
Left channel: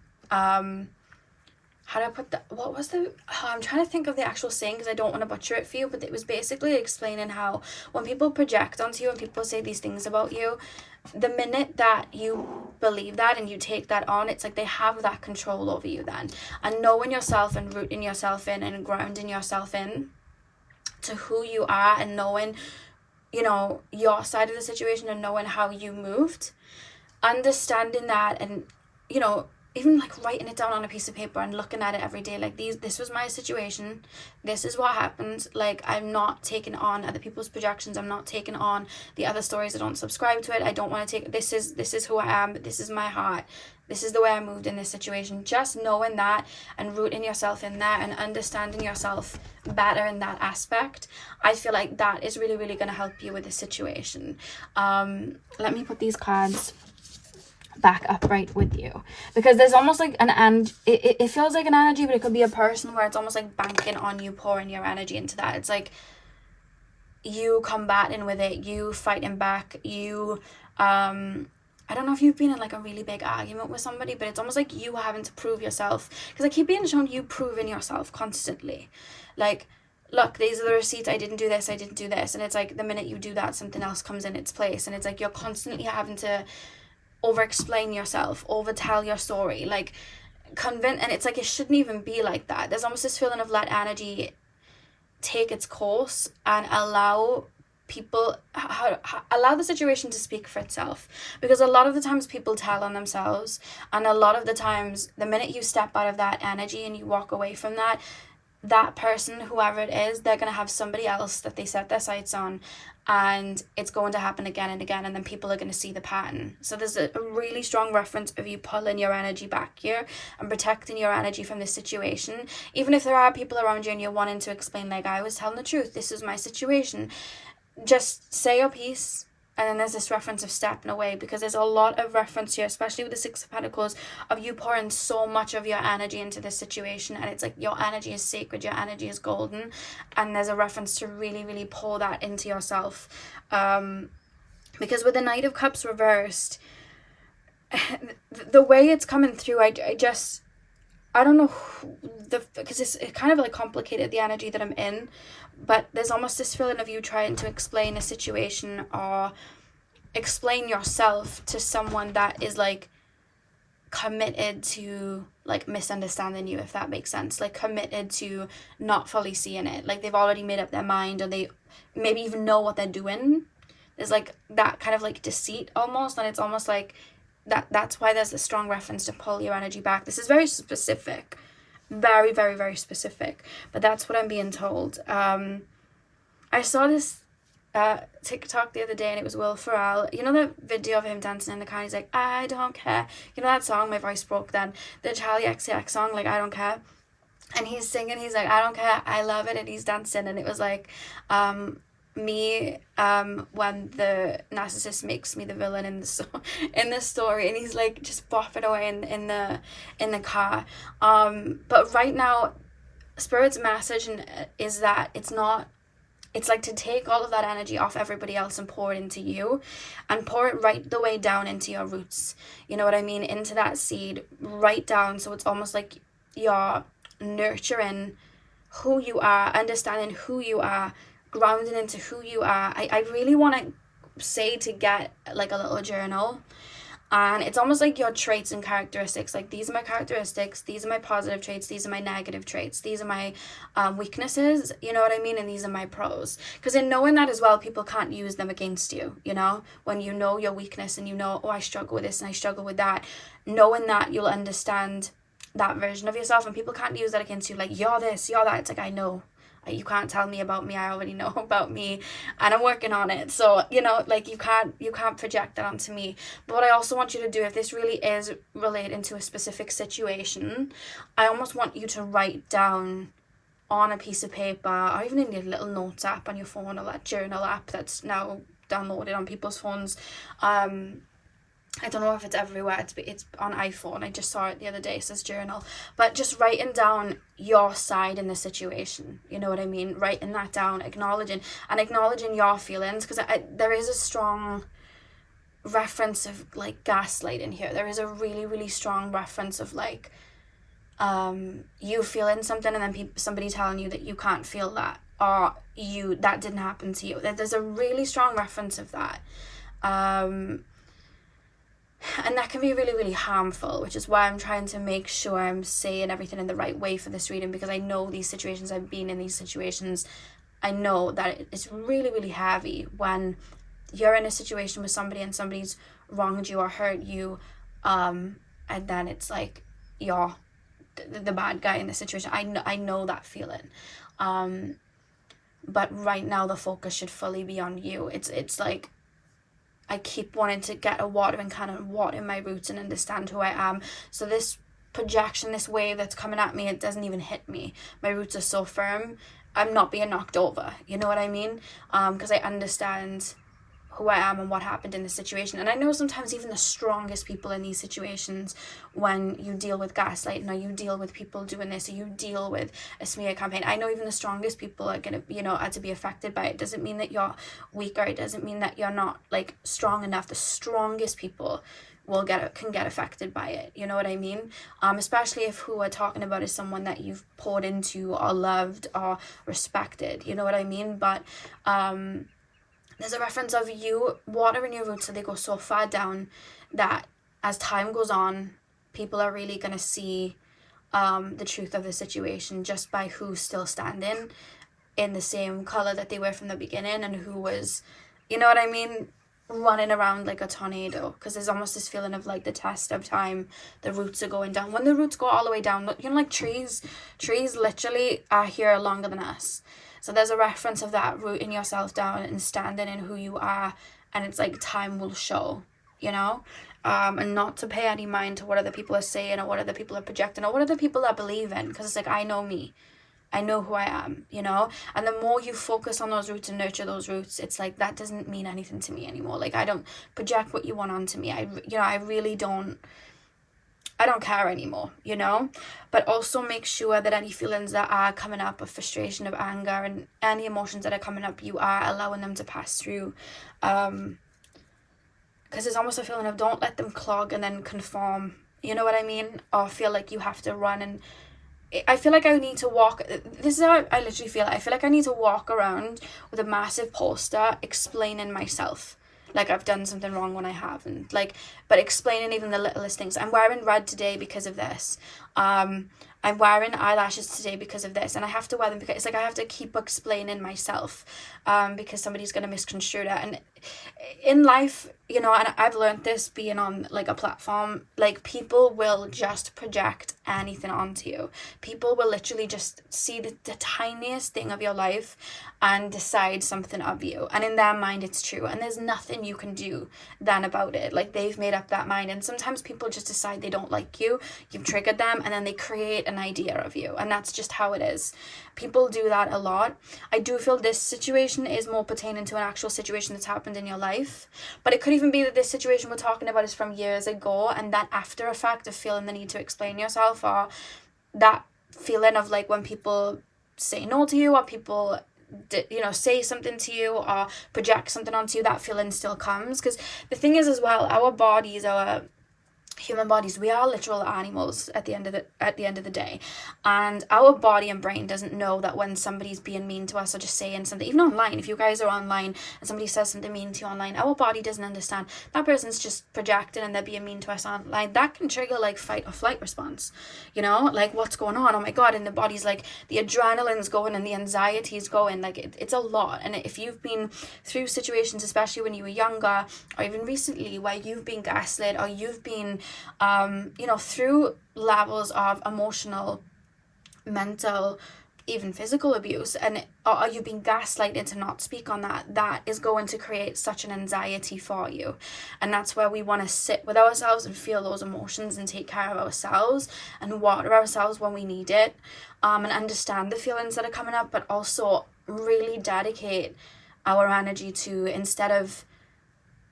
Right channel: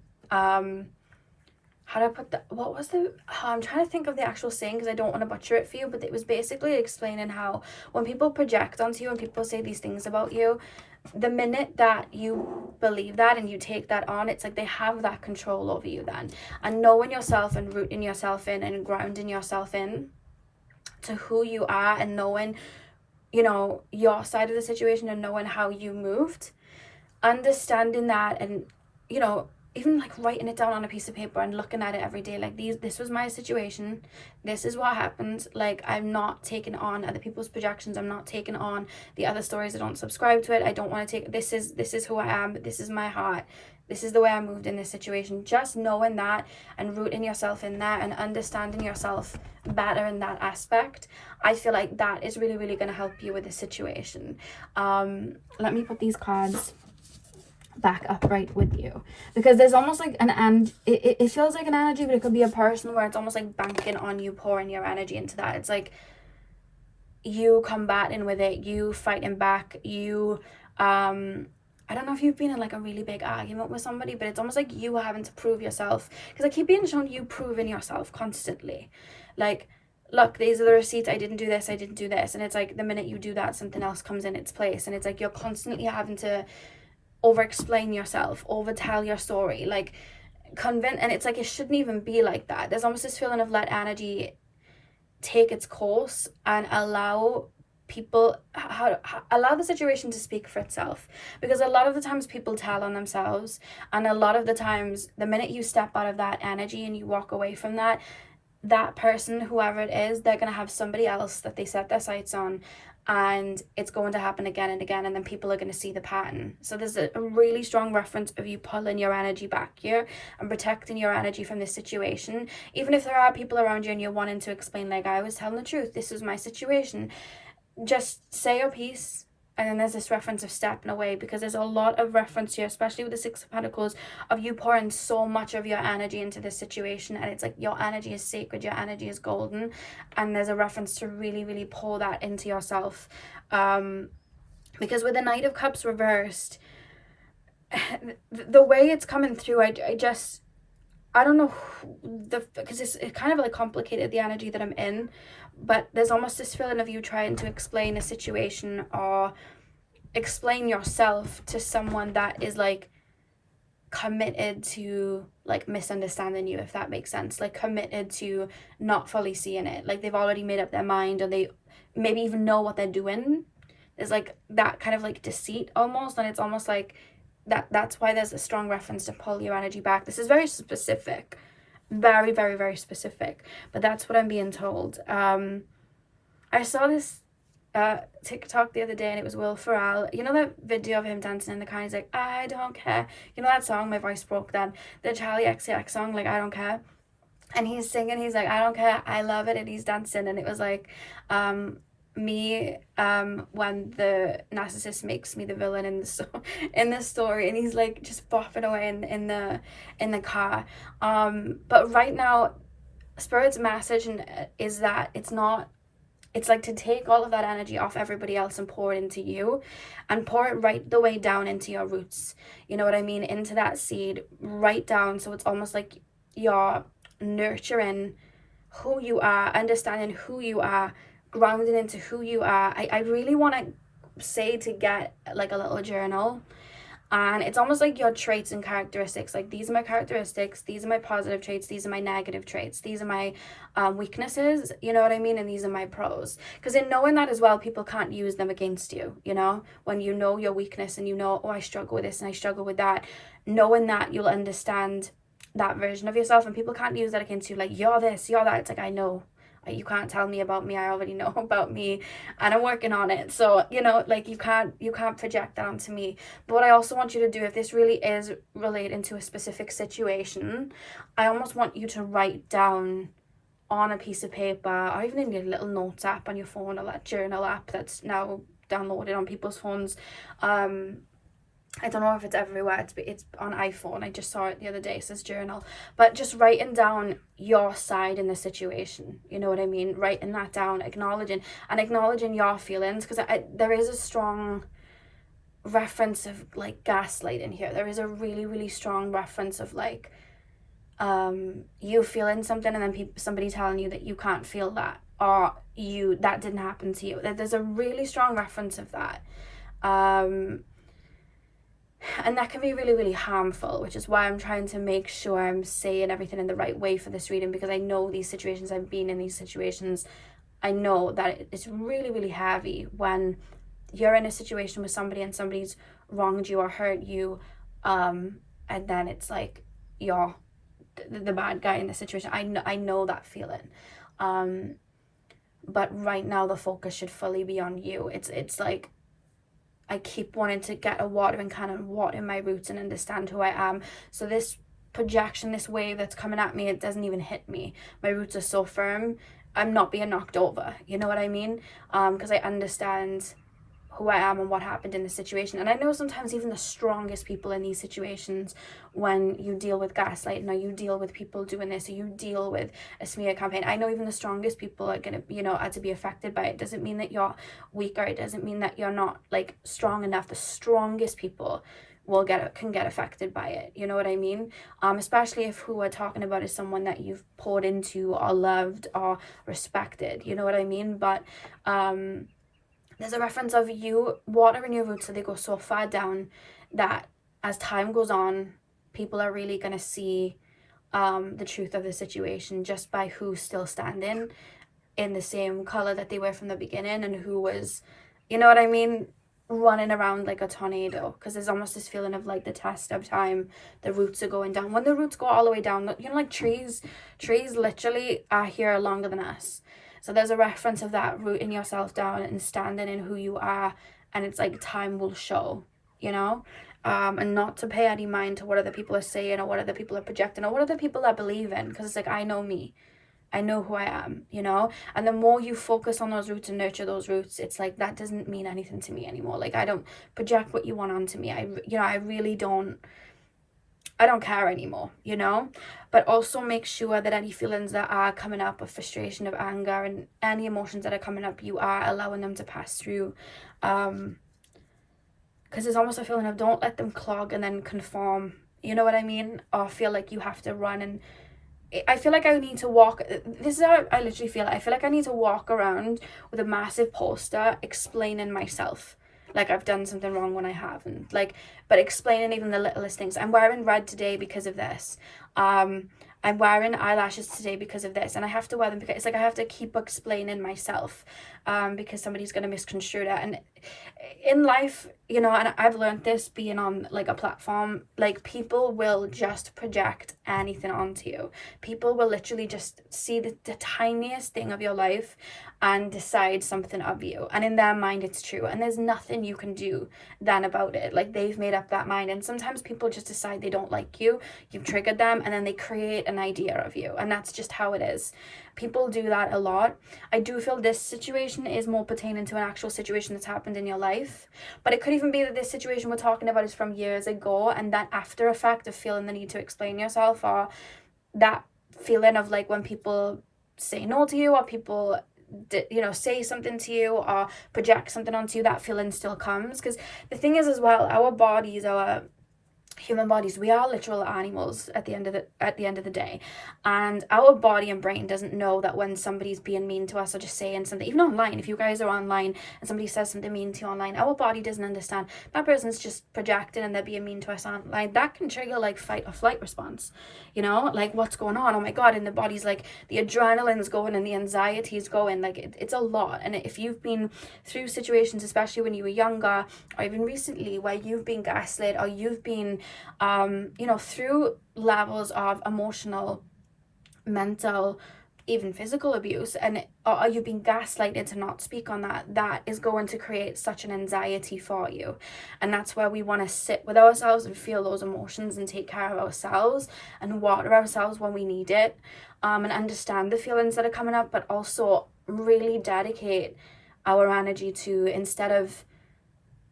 how do I put that? What was the... I'm trying to think of the actual saying because I don't want to butcher it for you, but it was basically explaining how when people project onto you and people say these things about you, the minute that you believe that and you take that on, it's like they have that control over you then. And knowing yourself and rooting yourself in and grounding yourself in to who you are, and knowing, you know, your side of the situation and knowing how you moved, understanding that, and, you know, even like writing it down on a piece of paper and looking at it every day, like this was my situation, this is what happened. Like I'm not taking on other people's projections, I'm not taking on the other stories, I don't subscribe to it, I don't want to take, this is who I am, this is my heart, this is the way I moved in this situation. Just knowing that and rooting yourself in there and understanding yourself better in that aspect, I feel like that is really, really going to help you with the situation. Let me put these cards back upright with you, because there's almost like it feels like an energy, but it could be a person where it's almost like banking on you, pouring your energy into that. It's like you combating with it, you fighting back, you I don't know if you've been in like a really big argument with somebody, but it's almost like you having to prove yourself, because I keep being shown you proving yourself constantly, like, look, these are the receipts, I didn't do this, and it's like the minute you do that, something else comes in its place, and it's like you're constantly having to over explain yourself, over tell your story, like convince, and it's like it shouldn't even be like that. There's almost this feeling of let energy take its course and allow people, allow the situation to speak for itself, because a lot of the times people tell on themselves, and a lot of the times the minute you step out of that energy and you walk away from that person, whoever it is, they're gonna have somebody else that they set their sights on, and it's going to happen again and again, and then people are going to see the pattern. So there's a really strong reference of you pulling your energy back here and protecting your energy from this situation. Even if there are people around you and you're wanting to explain, like, I was telling the truth, this is my situation, just say your piece. And then there's this reference of stepping away, because there's a lot of reference here, especially with the Six of Pentacles, of you pouring so much of your energy into this situation, and it's like your energy is sacred, your energy is golden, and there's a reference to really, really pour that into yourself. Because with the Knight of Cups reversed, the way it's coming through, I don't know, because it's kind of like complicated, the energy that I'm in, but there's almost this feeling of you trying to explain a situation or explain yourself to someone that is like committed to like misunderstanding you, if that makes sense, like committed to not fully seeing it, like they've already made up their mind, or they maybe even know what they're doing. There's like that kind of like deceit almost, and it's almost like that's why there's a strong reference to pull your energy back. This is very specific, very, very, very specific, but that's what I'm being told. I saw this TikTok the other day, and it was Will Ferrell. You know that video of him dancing in the car? He's like, I don't care. You know that song, my voice broke then, the Charlie XCX song, like, I don't care. And he's singing, he's like, I don't care, I love it, and he's dancing, and it was like, me when the narcissist makes me the villain in the story, and he's like just bopping away in the car. But right now, Spirit's message is that it's like to take all of that energy off everybody else and pour it into you, and pour it right the way down into your roots, you know what I mean, into that seed, right down. So it's almost like you're nurturing who you are, understanding who you are, grounding into who you are. I really want to say to get like a little journal, and it's almost like your traits and characteristics, like these are my characteristics, these are my positive traits, these are my negative traits, these are my weaknesses, you know what I mean, and these are my pros. Because in knowing that as well, people can't use them against you, you know, when you know your weakness and you know, oh, I struggle with this and I struggle with that, knowing that, you'll understand that version of yourself, and people can't use that against you, like, you're this, you're that. It's like, I know, you can't tell me about me, I already know about me, and I'm working on it. So, you know, like, you can't project that onto me. But what I also want you to do, if this really is relating to a specific situation, I almost want you to write down on a piece of paper, or even in your little notes app on your phone, or that journal app that's now downloaded on people's phones. I don't know if it's everywhere, it's on iPhone, I just saw it the other day, it says journal, but just writing down your side in the situation, you know what I mean, writing that down, acknowledging your feelings, because there is a strong reference of like gaslighting here. There is a really, really strong reference of like you feeling something, and then somebody telling you that you can't feel that, or that didn't happen to you. There's a really strong reference of that. And that can be really, really harmful, which is why I'm trying to make sure I'm saying everything in the right way for this reading, because I know these situations, I've been in these situations. I know that it's really, really heavy when you're in a situation with somebody and somebody's wronged you or hurt you, and then it's like you're the bad guy in the situation. I know that feeling. But right now the focus should fully be on you. It's like I keep wanting to get a watering can and water my roots and understand who I am. So this projection, this wave that's coming at me, it doesn't even hit me. My roots are so firm. I'm not being knocked over. You know what I mean? Because I understand who I am and what happened in the situation. And I know sometimes even the strongest people in these situations, when you deal with gaslighting, or you deal with people doing this, or you deal with a smear campaign, I know even the strongest people are gonna, you know, are to be affected by it. It doesn't mean that you're weaker. It doesn't mean that you're not like strong enough. The strongest people can get affected by it, you know what I mean? Especially if who we're talking about is someone that you've poured into or loved or respected, you know what I mean? But there's a reference of you watering your roots so they go so far down that as time goes on, people are really going to see the truth of the situation just by who's still standing in the same color that they were from the beginning, and who was, you know what I mean, running around like a tornado. Because there's almost this feeling of like the test of time, the roots are going down. When the roots go all the way down, you know, like trees literally are here longer than us. So there's a reference of that rooting yourself down and standing in who you are, and it's like time will show, you know, and not to pay any mind to what other people are saying or what other people are projecting or what other people are believing, because it's like, I know me, I know who I am, you know. And the more you focus on those roots and nurture those roots, it's like, that doesn't mean anything to me anymore. Like, I don't project what you want onto me. I really don't, I don't care anymore, you know. But also make sure that any feelings that are coming up of frustration, of anger, and any emotions that are coming up, you are allowing them to pass through. Because it's almost a feeling of, don't let them clog and then conform, you know what I mean? Or feel like you have to run. And I feel like I need to walk, this is how I literally feel. I feel like I need to walk around with a massive poster explaining myself, like I've done something wrong when I haven't, like, but explaining even the littlest things. I'm wearing red today because of this. I'm wearing eyelashes today because of this, and I have to wear them because it's like I have to keep explaining myself, because somebody's going to misconstrue that. And in life, you know, and I've learned this being on like a platform, like people will just project anything onto you. People will literally just see the tiniest thing of your life and decide something of you, and in their mind it's true, and there's nothing you can do then about it. Like, they've made up that mind. And sometimes people just decide they don't like you, you've triggered them, and then they create an idea of you, and that's just how it is. People do that a lot. I do feel this situation is more pertaining to an actual situation that's happened in your life, but it could even be that this situation we're talking about is from years ago, and that after effect of feeling the need to explain yourself, or that feeling of like when people say no to you, or people you know, say something to you or project something onto you, that feeling still comes. Because the thing is as well, our bodies, our human bodies, we are literal animals at the end of the day, and our body and brain doesn't know that when somebody's being mean to us or just saying something, even online, if you guys are online and somebody says something mean to you online, our body doesn't understand that person's just projecting and they're being mean to us online. That can trigger like fight or flight response, you know, like what's going on, oh my god, and the body's like, the adrenaline's going and the anxiety's going, like it's a lot. And if you've been through situations, especially when you were younger or even recently, where you've been gaslit or you've been you know, through levels of emotional, mental, even physical abuse, and or you've been gaslighted to not speak on that, that is going to create such an anxiety for you. And that's where we want to sit with ourselves and feel those emotions and take care of ourselves and water ourselves when we need it, and understand the feelings that are coming up, but also really dedicate our energy to, instead of,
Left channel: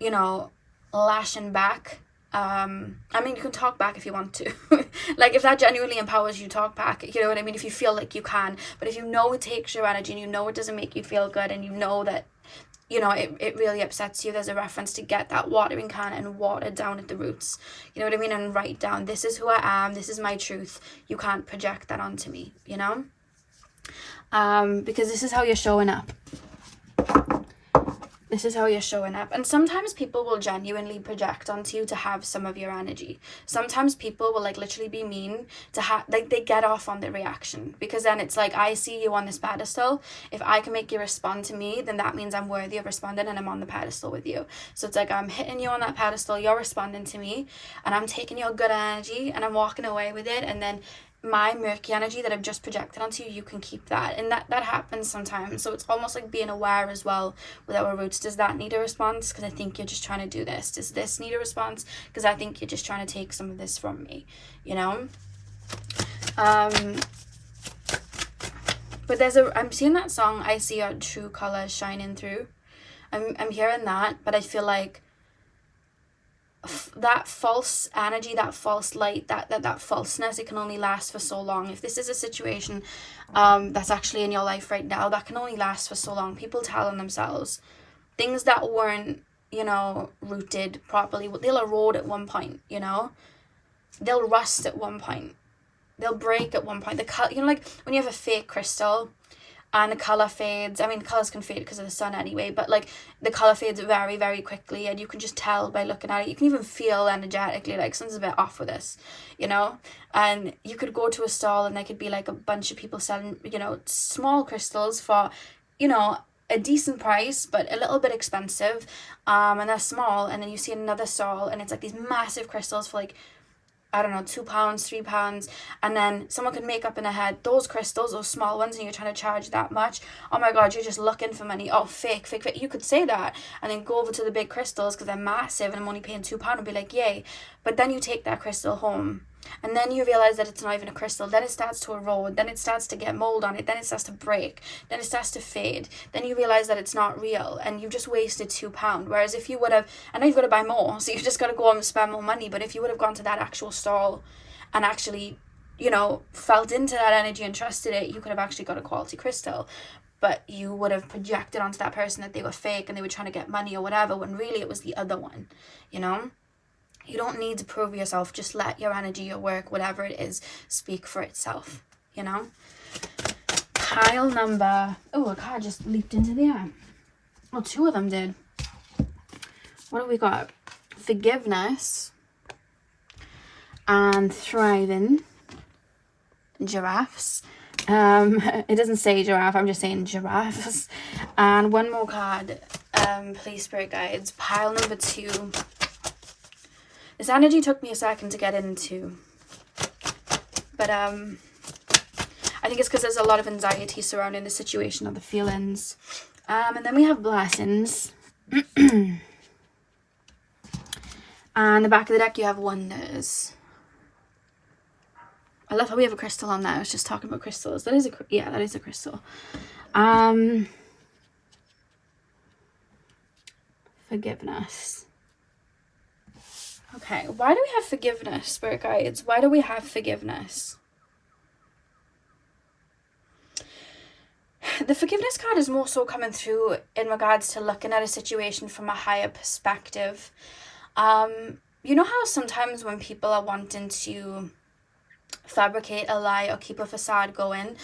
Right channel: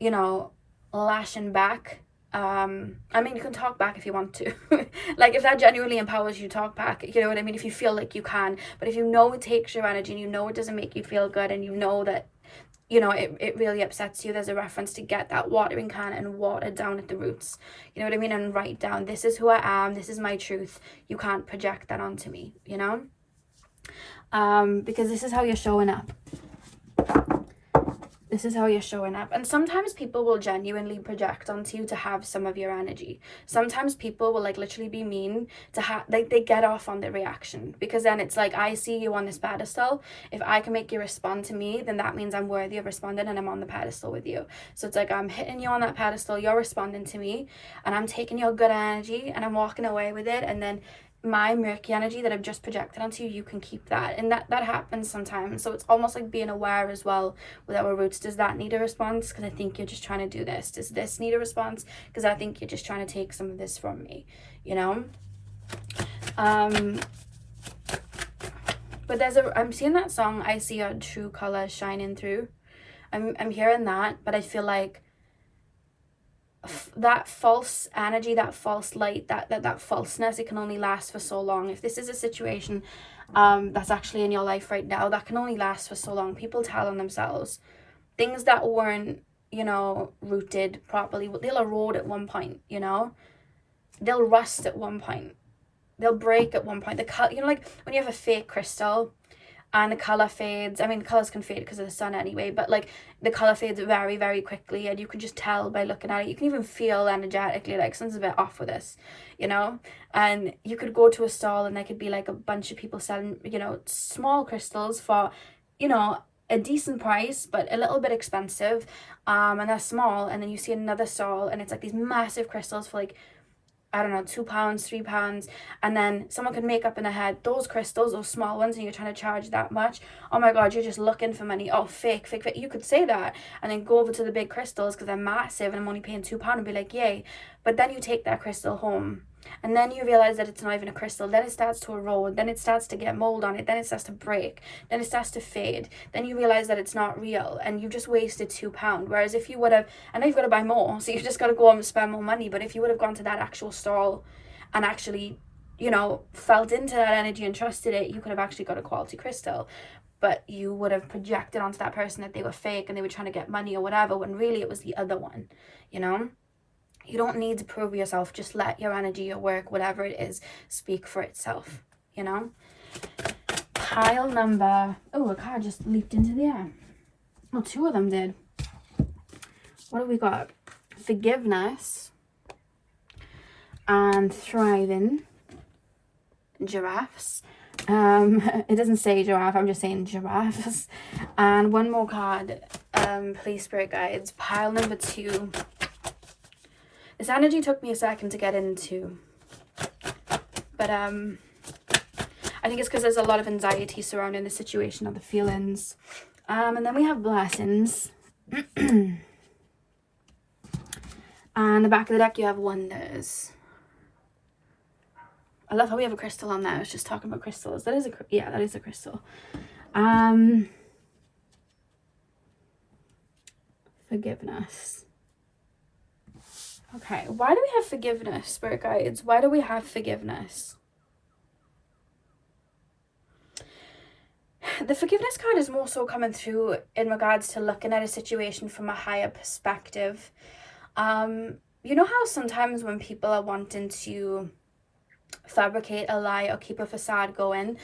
you know, lashing back, I mean, you can talk back if you want to. Like, if that genuinely empowers you, talk back, you know what I mean, if you feel like you can. But if you know it takes your energy, and you know it doesn't make you feel good, and you know that, you know, it really upsets you, there's a reference to get that watering can and water down at the roots, you know what I mean, and write down, this is who I am, this is my truth, you can't project that onto me, you know, because this is how you're showing up. This is how you're showing up. And sometimes people will genuinely project onto you to have some of your energy. Sometimes people will like literally be mean to have, like, they get off on the reaction, because then it's like, I see you on this pedestal, if I can make you respond to me, then that means I'm worthy of responding and I'm on the pedestal with you. So it's like, I'm hitting you on that pedestal, you're responding to me, and I'm taking your good energy and I'm walking away with it, and then my murky energy that I've just projected onto you, you can keep that. And that happens sometimes. So it's almost like being aware as well with our roots. Does that need a response? Because I think you're just trying to do this. Does this need a response? Because I think you're just trying to take some of this from me, you know. But I'm seeing that song, I see our true colors shining through. I'm hearing that, but I feel like that false energy, that false light, that falseness, it can only last for so long. If this is a situation that's actually in your life right now, that can only last for so long. People telling themselves things that weren't, you know, rooted properly, they'll erode at one point, you know, they'll rust at one point, they'll break at one point. You know, like when you have a fake crystal and the color fades, I mean, the colors can fade because of the sun anyway, but like the color fades very, very quickly, and you can just tell by looking at it. You can even feel energetically like something's a bit off with this, you know. And you could go to a stall and there could be like a bunch of people selling, you know, small crystals for, you know, a decent price but a little bit expensive, and they're small. And then you see another stall and it's like these massive crystals for like I don't know, £2, £3, and then someone could make up in their head, those crystals, those small ones, and you're trying to charge that much, oh my god, you're just looking for money, oh fake, fake, fake. You could say that and then go over to the big crystals because they're massive and I'm only paying £2 and be like, yay. But then you take that crystal home and then you realize that it's not even a crystal. Then it starts to erode, then it starts to get mold on it, then it starts to break, then it starts to fade, then you realize that it's not real and you've just wasted £2. Whereas if you would have, and now you've got to buy more, so you've just got to go and spend more money. But if you would have gone to that actual stall and actually, you know, felt into that energy and trusted it, you could have actually got a quality crystal. But you would have projected onto that person that they were fake and they were trying to get money or whatever, when really it was the other one, you know? You don't need to prove yourself. Just let your energy, your work, whatever it is, speak for itself, you know? Pile number... Oh, a card just leaped into the air. Well, 2 of them did. What do we got? Forgiveness. And thriving. Giraffes. It doesn't say giraffe, I'm just saying giraffes. And one more card. Please, spirit guides. Pile number 2. This energy took me a second to get into, but I think it's because there's a lot of anxiety surrounding the situation or the feelings. And then we have blessings. And the back of the deck you have wonders. I love how we have a crystal on there. I was just talking about crystals. That is a crystal. Forgiveness. Okay, why do we have forgiveness, spirit guides? Why do we have forgiveness? The forgiveness card is more so coming through in regards to looking at a situation from a higher perspective. You know how sometimes when people are wanting to fabricate a lie or keep a facade going,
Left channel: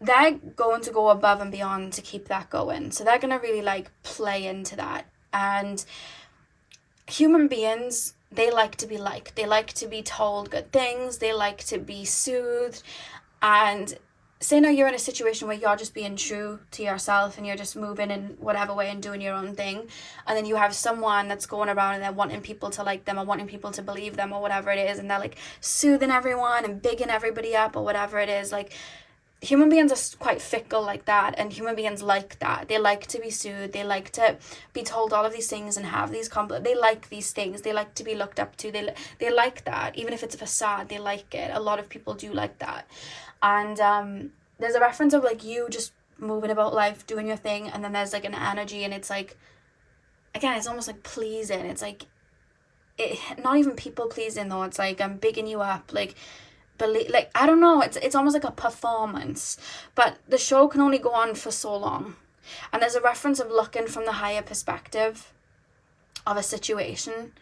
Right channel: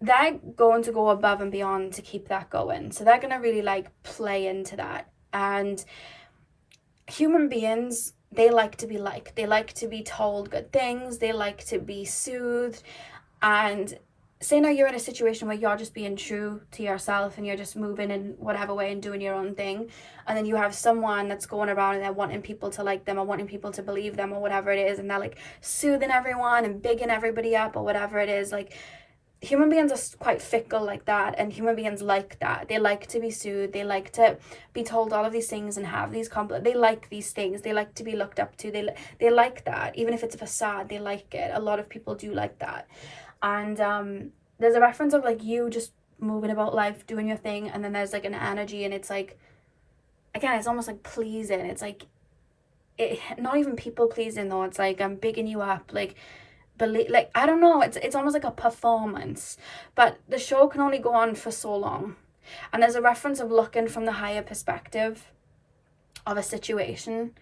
they're going to go above and beyond to keep that going. So they're going to really like play into that. And human beings, they like to be liked. They like to be told good things. They like to be soothed. And say now you're in a situation where you're just being true to yourself and you're just moving in whatever way and doing your own thing. And then you have someone that's going around and they're wanting people to like them or wanting people to believe them or whatever it is. And they're like soothing everyone and bigging everybody up or whatever it is. Like, human beings are quite fickle like that, and human beings like that. They like to be soothed. They like to be told all of these things and have these compliments. They like these things. They like to be looked up to. They like that. Even if it's a facade, they like it. A lot of people do like that. And there's a reference of like you just moving about life, doing your thing, and then there's like an energy, and it's like, again, it's almost like pleasing. It's like, not even people pleasing though. It's like I'm bigging you up, like I don't know, it's almost like a performance, but the show can only go on for so long. And there's a reference of looking from the higher perspective of a situation,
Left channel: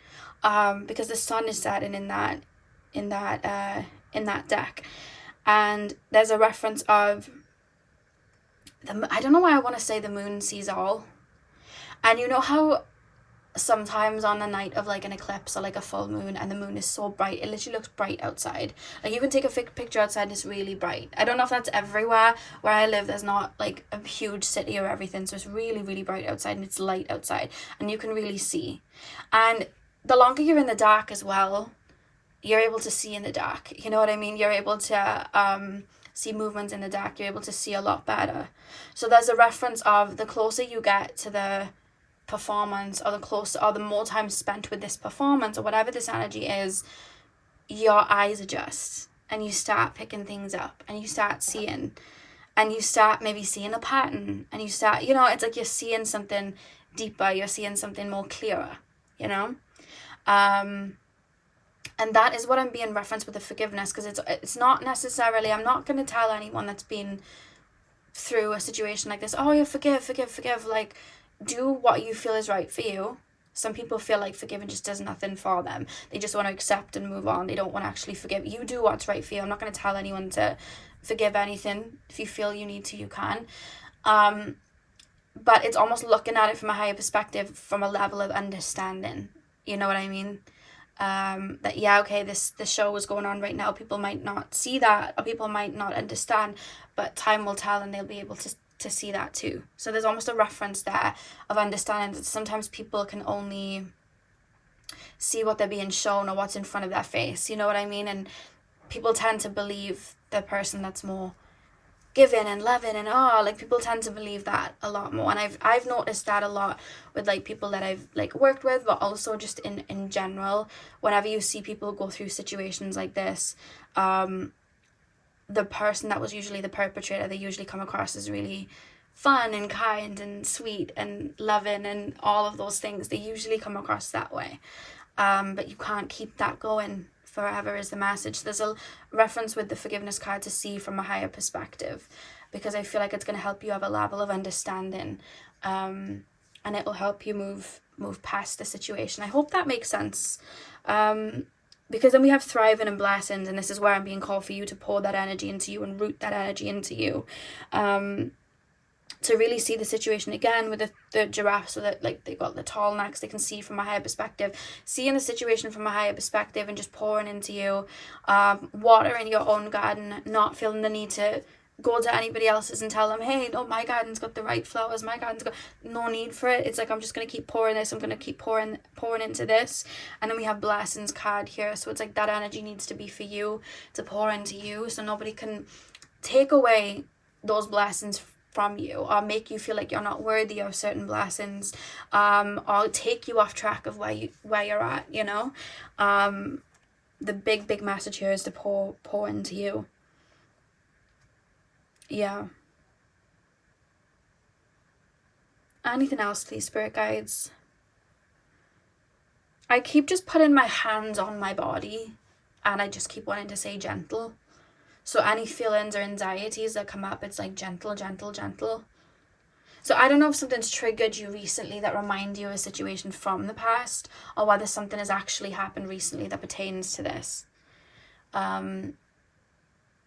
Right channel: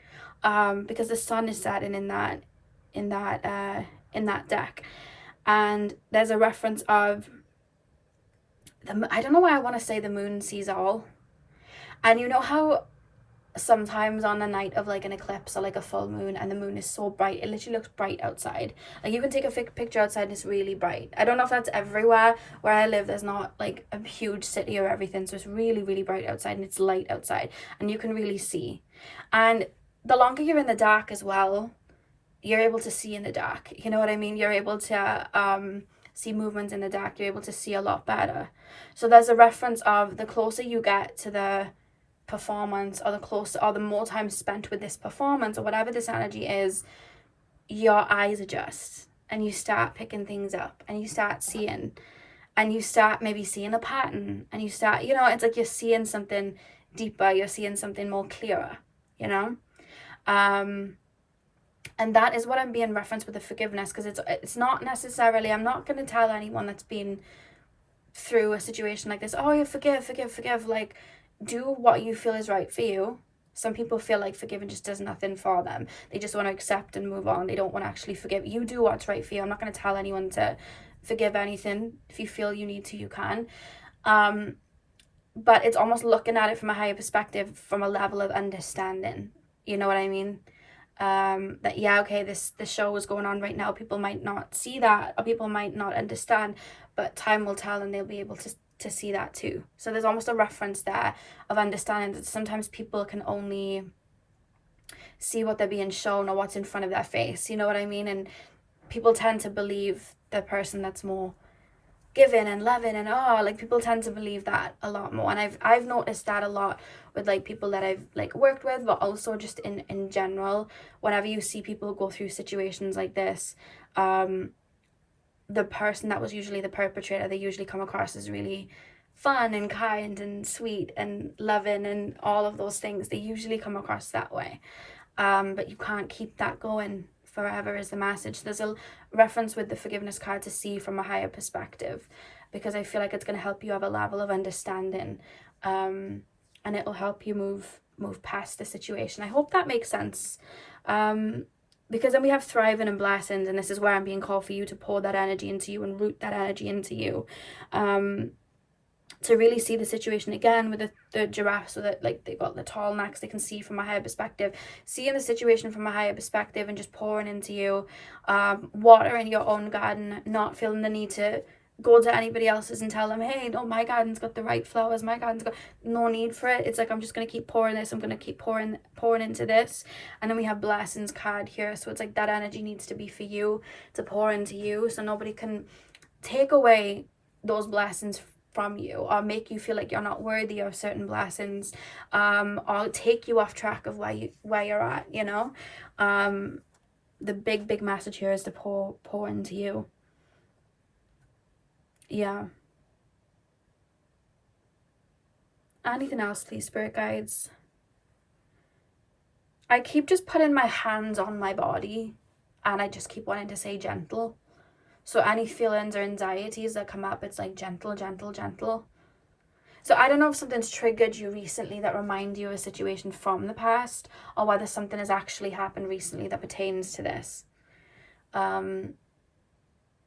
because the sun is setting in that deck, and there's a reference of I don't know why I want to say the moon sees all. And you know how sometimes on the night of like an eclipse or like a full moon and the moon is so bright, it literally looks bright outside. Like you can take a picture outside and it's really bright. I don't know if that's everywhere. Where I live, there's not like a huge city or everything, so it's really, really bright outside and it's light outside and you can really see. And the longer you're in the dark as well, you're able to see in the dark, you know what I mean? You're able to see movements in the dark. You're able to see a lot better. So there's a reference of the closer you get to the performance, or the closer or the more time spent with this performance or whatever this energy is, your eyes adjust and you start picking things up and you start seeing, and you start maybe seeing a pattern, and you start, you know, it's like you're seeing something deeper, you're seeing something more clearer, you know. And that is what I'm being referenced with the forgiveness, because it's not necessarily, I'm not going to tell anyone that's been through a situation like this, oh yeah, forgive, like do what you feel is right for you. Some people feel like forgiving just does nothing for them. They just want to accept and move on. They don't want to actually forgive. You do what's right for you. I'm not going to tell anyone to forgive anything. If you feel you need to, you can. But it's almost looking at it from a higher perspective, from a level of understanding. You know what I mean? That yeah, okay, this show is going on right now. People might not see that, or people might not understand, but time will tell and they'll be able to see that too. So there's almost a reference there of understanding that sometimes people can only see what they're being shown or what's in front of their face, you know what I mean? And people tend to believe the person that's more giving and loving, and like people tend to believe that a lot more. And I've noticed that a lot with like people that I've like worked with, but also just in general. Whenever you see people go through situations like this, the person that was usually the perpetrator, they usually come across as really fun and kind and sweet and loving and all of those things. They usually come across that way. But you can't keep that going forever is the message. There's a reference with the forgiveness card to see from a higher perspective, because I feel like it's going to help you have a level of understanding, and it will help you move past the situation. I hope that makes sense. Because then we have thriving and blessings, and this is where I'm being called for you to pour that energy into you and root that energy into you, to really see the situation again with the giraffe, so that like they got the tall necks, they can see from a higher perspective, seeing the situation from a higher perspective and just pouring into you, water in your own garden, not feeling the need to go to anybody else's and tell them, hey, no, my garden's got the right flowers, my garden's got no need for it. It's like, I'm just going to keep pouring this, I'm going to keep pouring into this. And then we have blessings card here, so it's like that energy needs to be for you to pour into you, so nobody can take away those blessings from you or make you feel like you're not worthy of certain blessings, or take you off track of where you're at, you know. The big message here is to pour into you. Yeah. Anything else, please, spirit guides? I keep just putting my hands on my body, and I just keep wanting to say gentle. So any feelings or anxieties that come up, it's like gentle, gentle, gentle. So I don't know if something's triggered you recently that remind you of a situation from the past, or whether something has actually happened recently that pertains to this.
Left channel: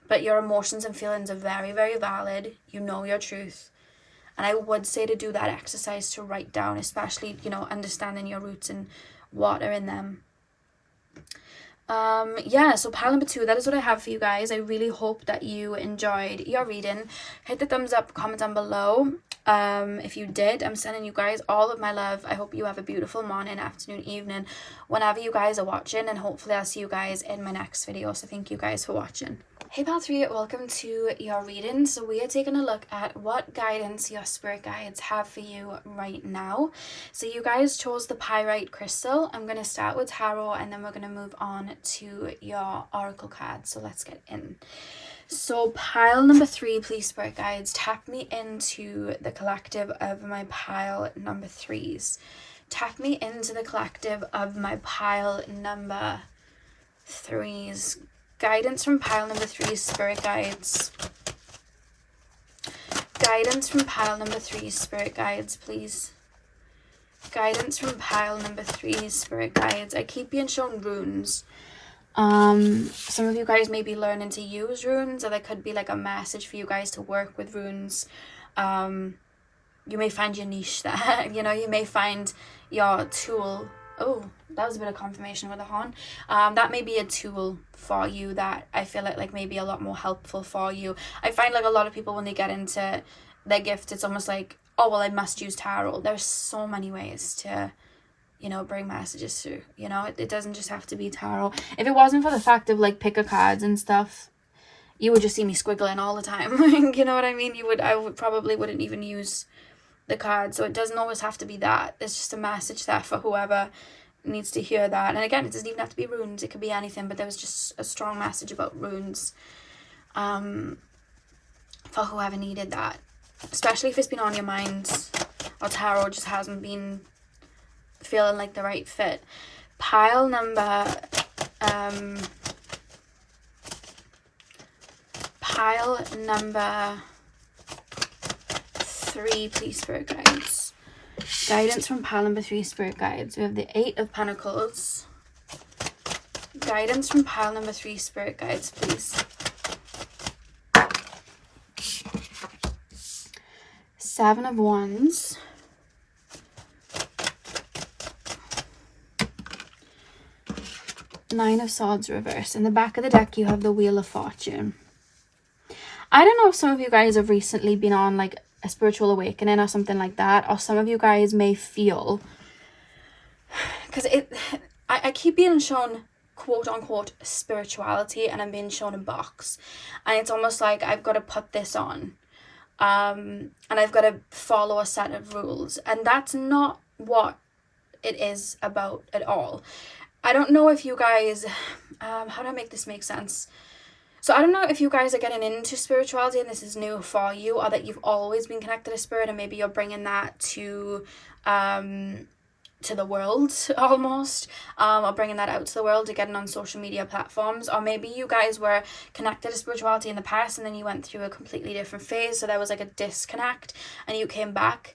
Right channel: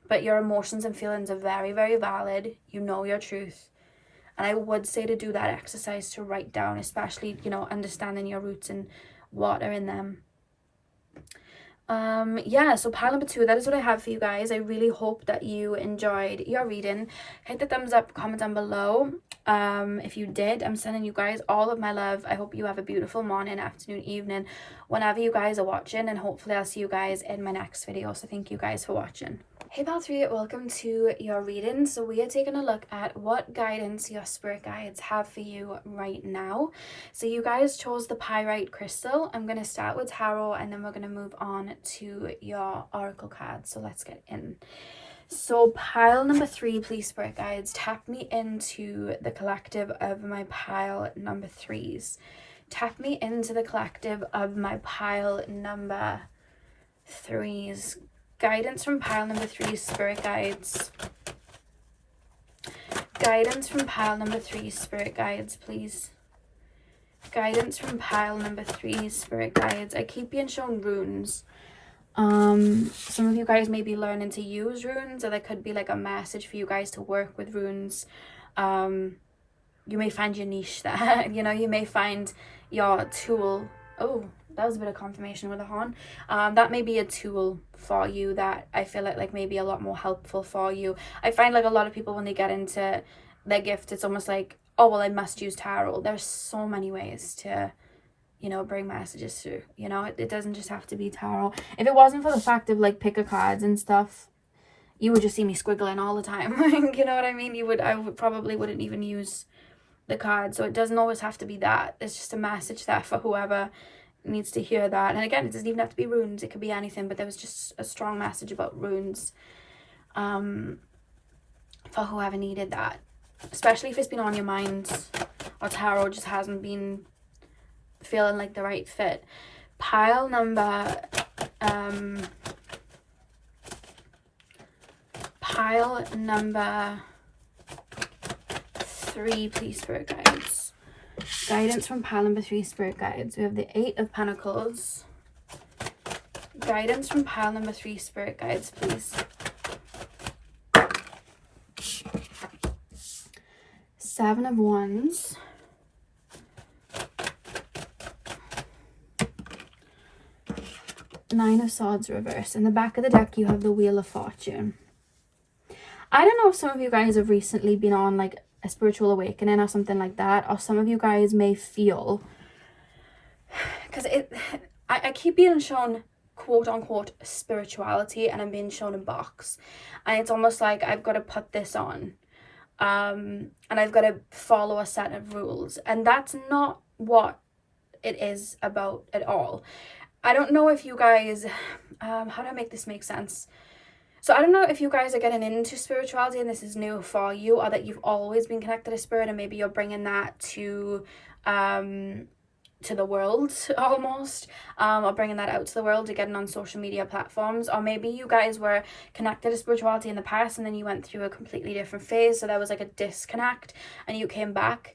But your emotions and feelings are very, very valid. You know your truth. And I would say to do that exercise, to write down, especially, you know, understanding your roots and what are in them. Yeah, so pile number 2, that is what I have for you guys. I really hope that you enjoyed your reading. Hit the thumbs up, comment down below. If you did, I'm sending you guys all of my love. I hope you have a beautiful morning, afternoon, evening, whenever you guys are watching, and hopefully I'll see you guys in my next video. So thank you guys for watching. Hey Pal 3, welcome to your reading. So we are taking a look at what guidance your spirit guides have for you right now. So you guys chose the pyrite crystal. I'm going to start with tarot, and then we're going to move on to your oracle cards. So let's get in. So pile number 3, please, spirit guides, tap me into the collective of my pile number 3s. Tap me into the collective of my pile number 3s. Guidance from pile number 3, spirit guides. Guidance from pile number 3, spirit guides, please. Guidance from pile number 3, spirit guides. I keep being shown runes. Some of you guys may be learning to use runes, or there could be like a message for you guys to work with runes. You may find your niche there. You know, you may find your tool. Oh, that was a bit of confirmation with a horn. That may be a tool for you that I feel like may be a lot more helpful for you. I find like a lot of people, when they get into their gift, it's almost like, oh, well, I must use tarot. There's so many ways to, you know, bring messages through. You know, it doesn't just have to be tarot. If it wasn't for the fact of like pick-a cards and stuff, you would just see me squiggling all the time. You know what I mean? I would probably wouldn't even use the card. So it doesn't always have to be that. It's just a message there for whoever needs to hear that. And again, it doesn't even have to be runes, it could be anything, but there was just a strong message about runes for whoever needed that, especially if it's been on your mind, or tarot just hasn't been feeling like the right fit. Pile number 3, please, spirit guides. Guidance from pile number 3, spirit guides. We have the 8 of Pentacles. Guidance from pile number 3, spirit guides, please. 7 of Wands. Nine of Swords reversed. In the back of the deck, you have the Wheel of Fortune. I don't know if some of you guys have recently been on like a spiritual awakening or something like that, or some of you guys may feel, because I keep being shown quote unquote spirituality, and I'm being shown a box, and it's almost like I've got to put this on, and I've got to follow a set of rules, and that's not what it is about at all. I don't know if you guys, how do I make this make sense? So I don't know if you guys are getting into spirituality and this is new for you, or that you've always been connected to spirit and maybe you're bringing that to the world almost, or bringing that out to the world, to getting on social media platforms. Or maybe you guys were connected to spirituality in the past and then you went through a completely different phase, so there was like a disconnect and you came back.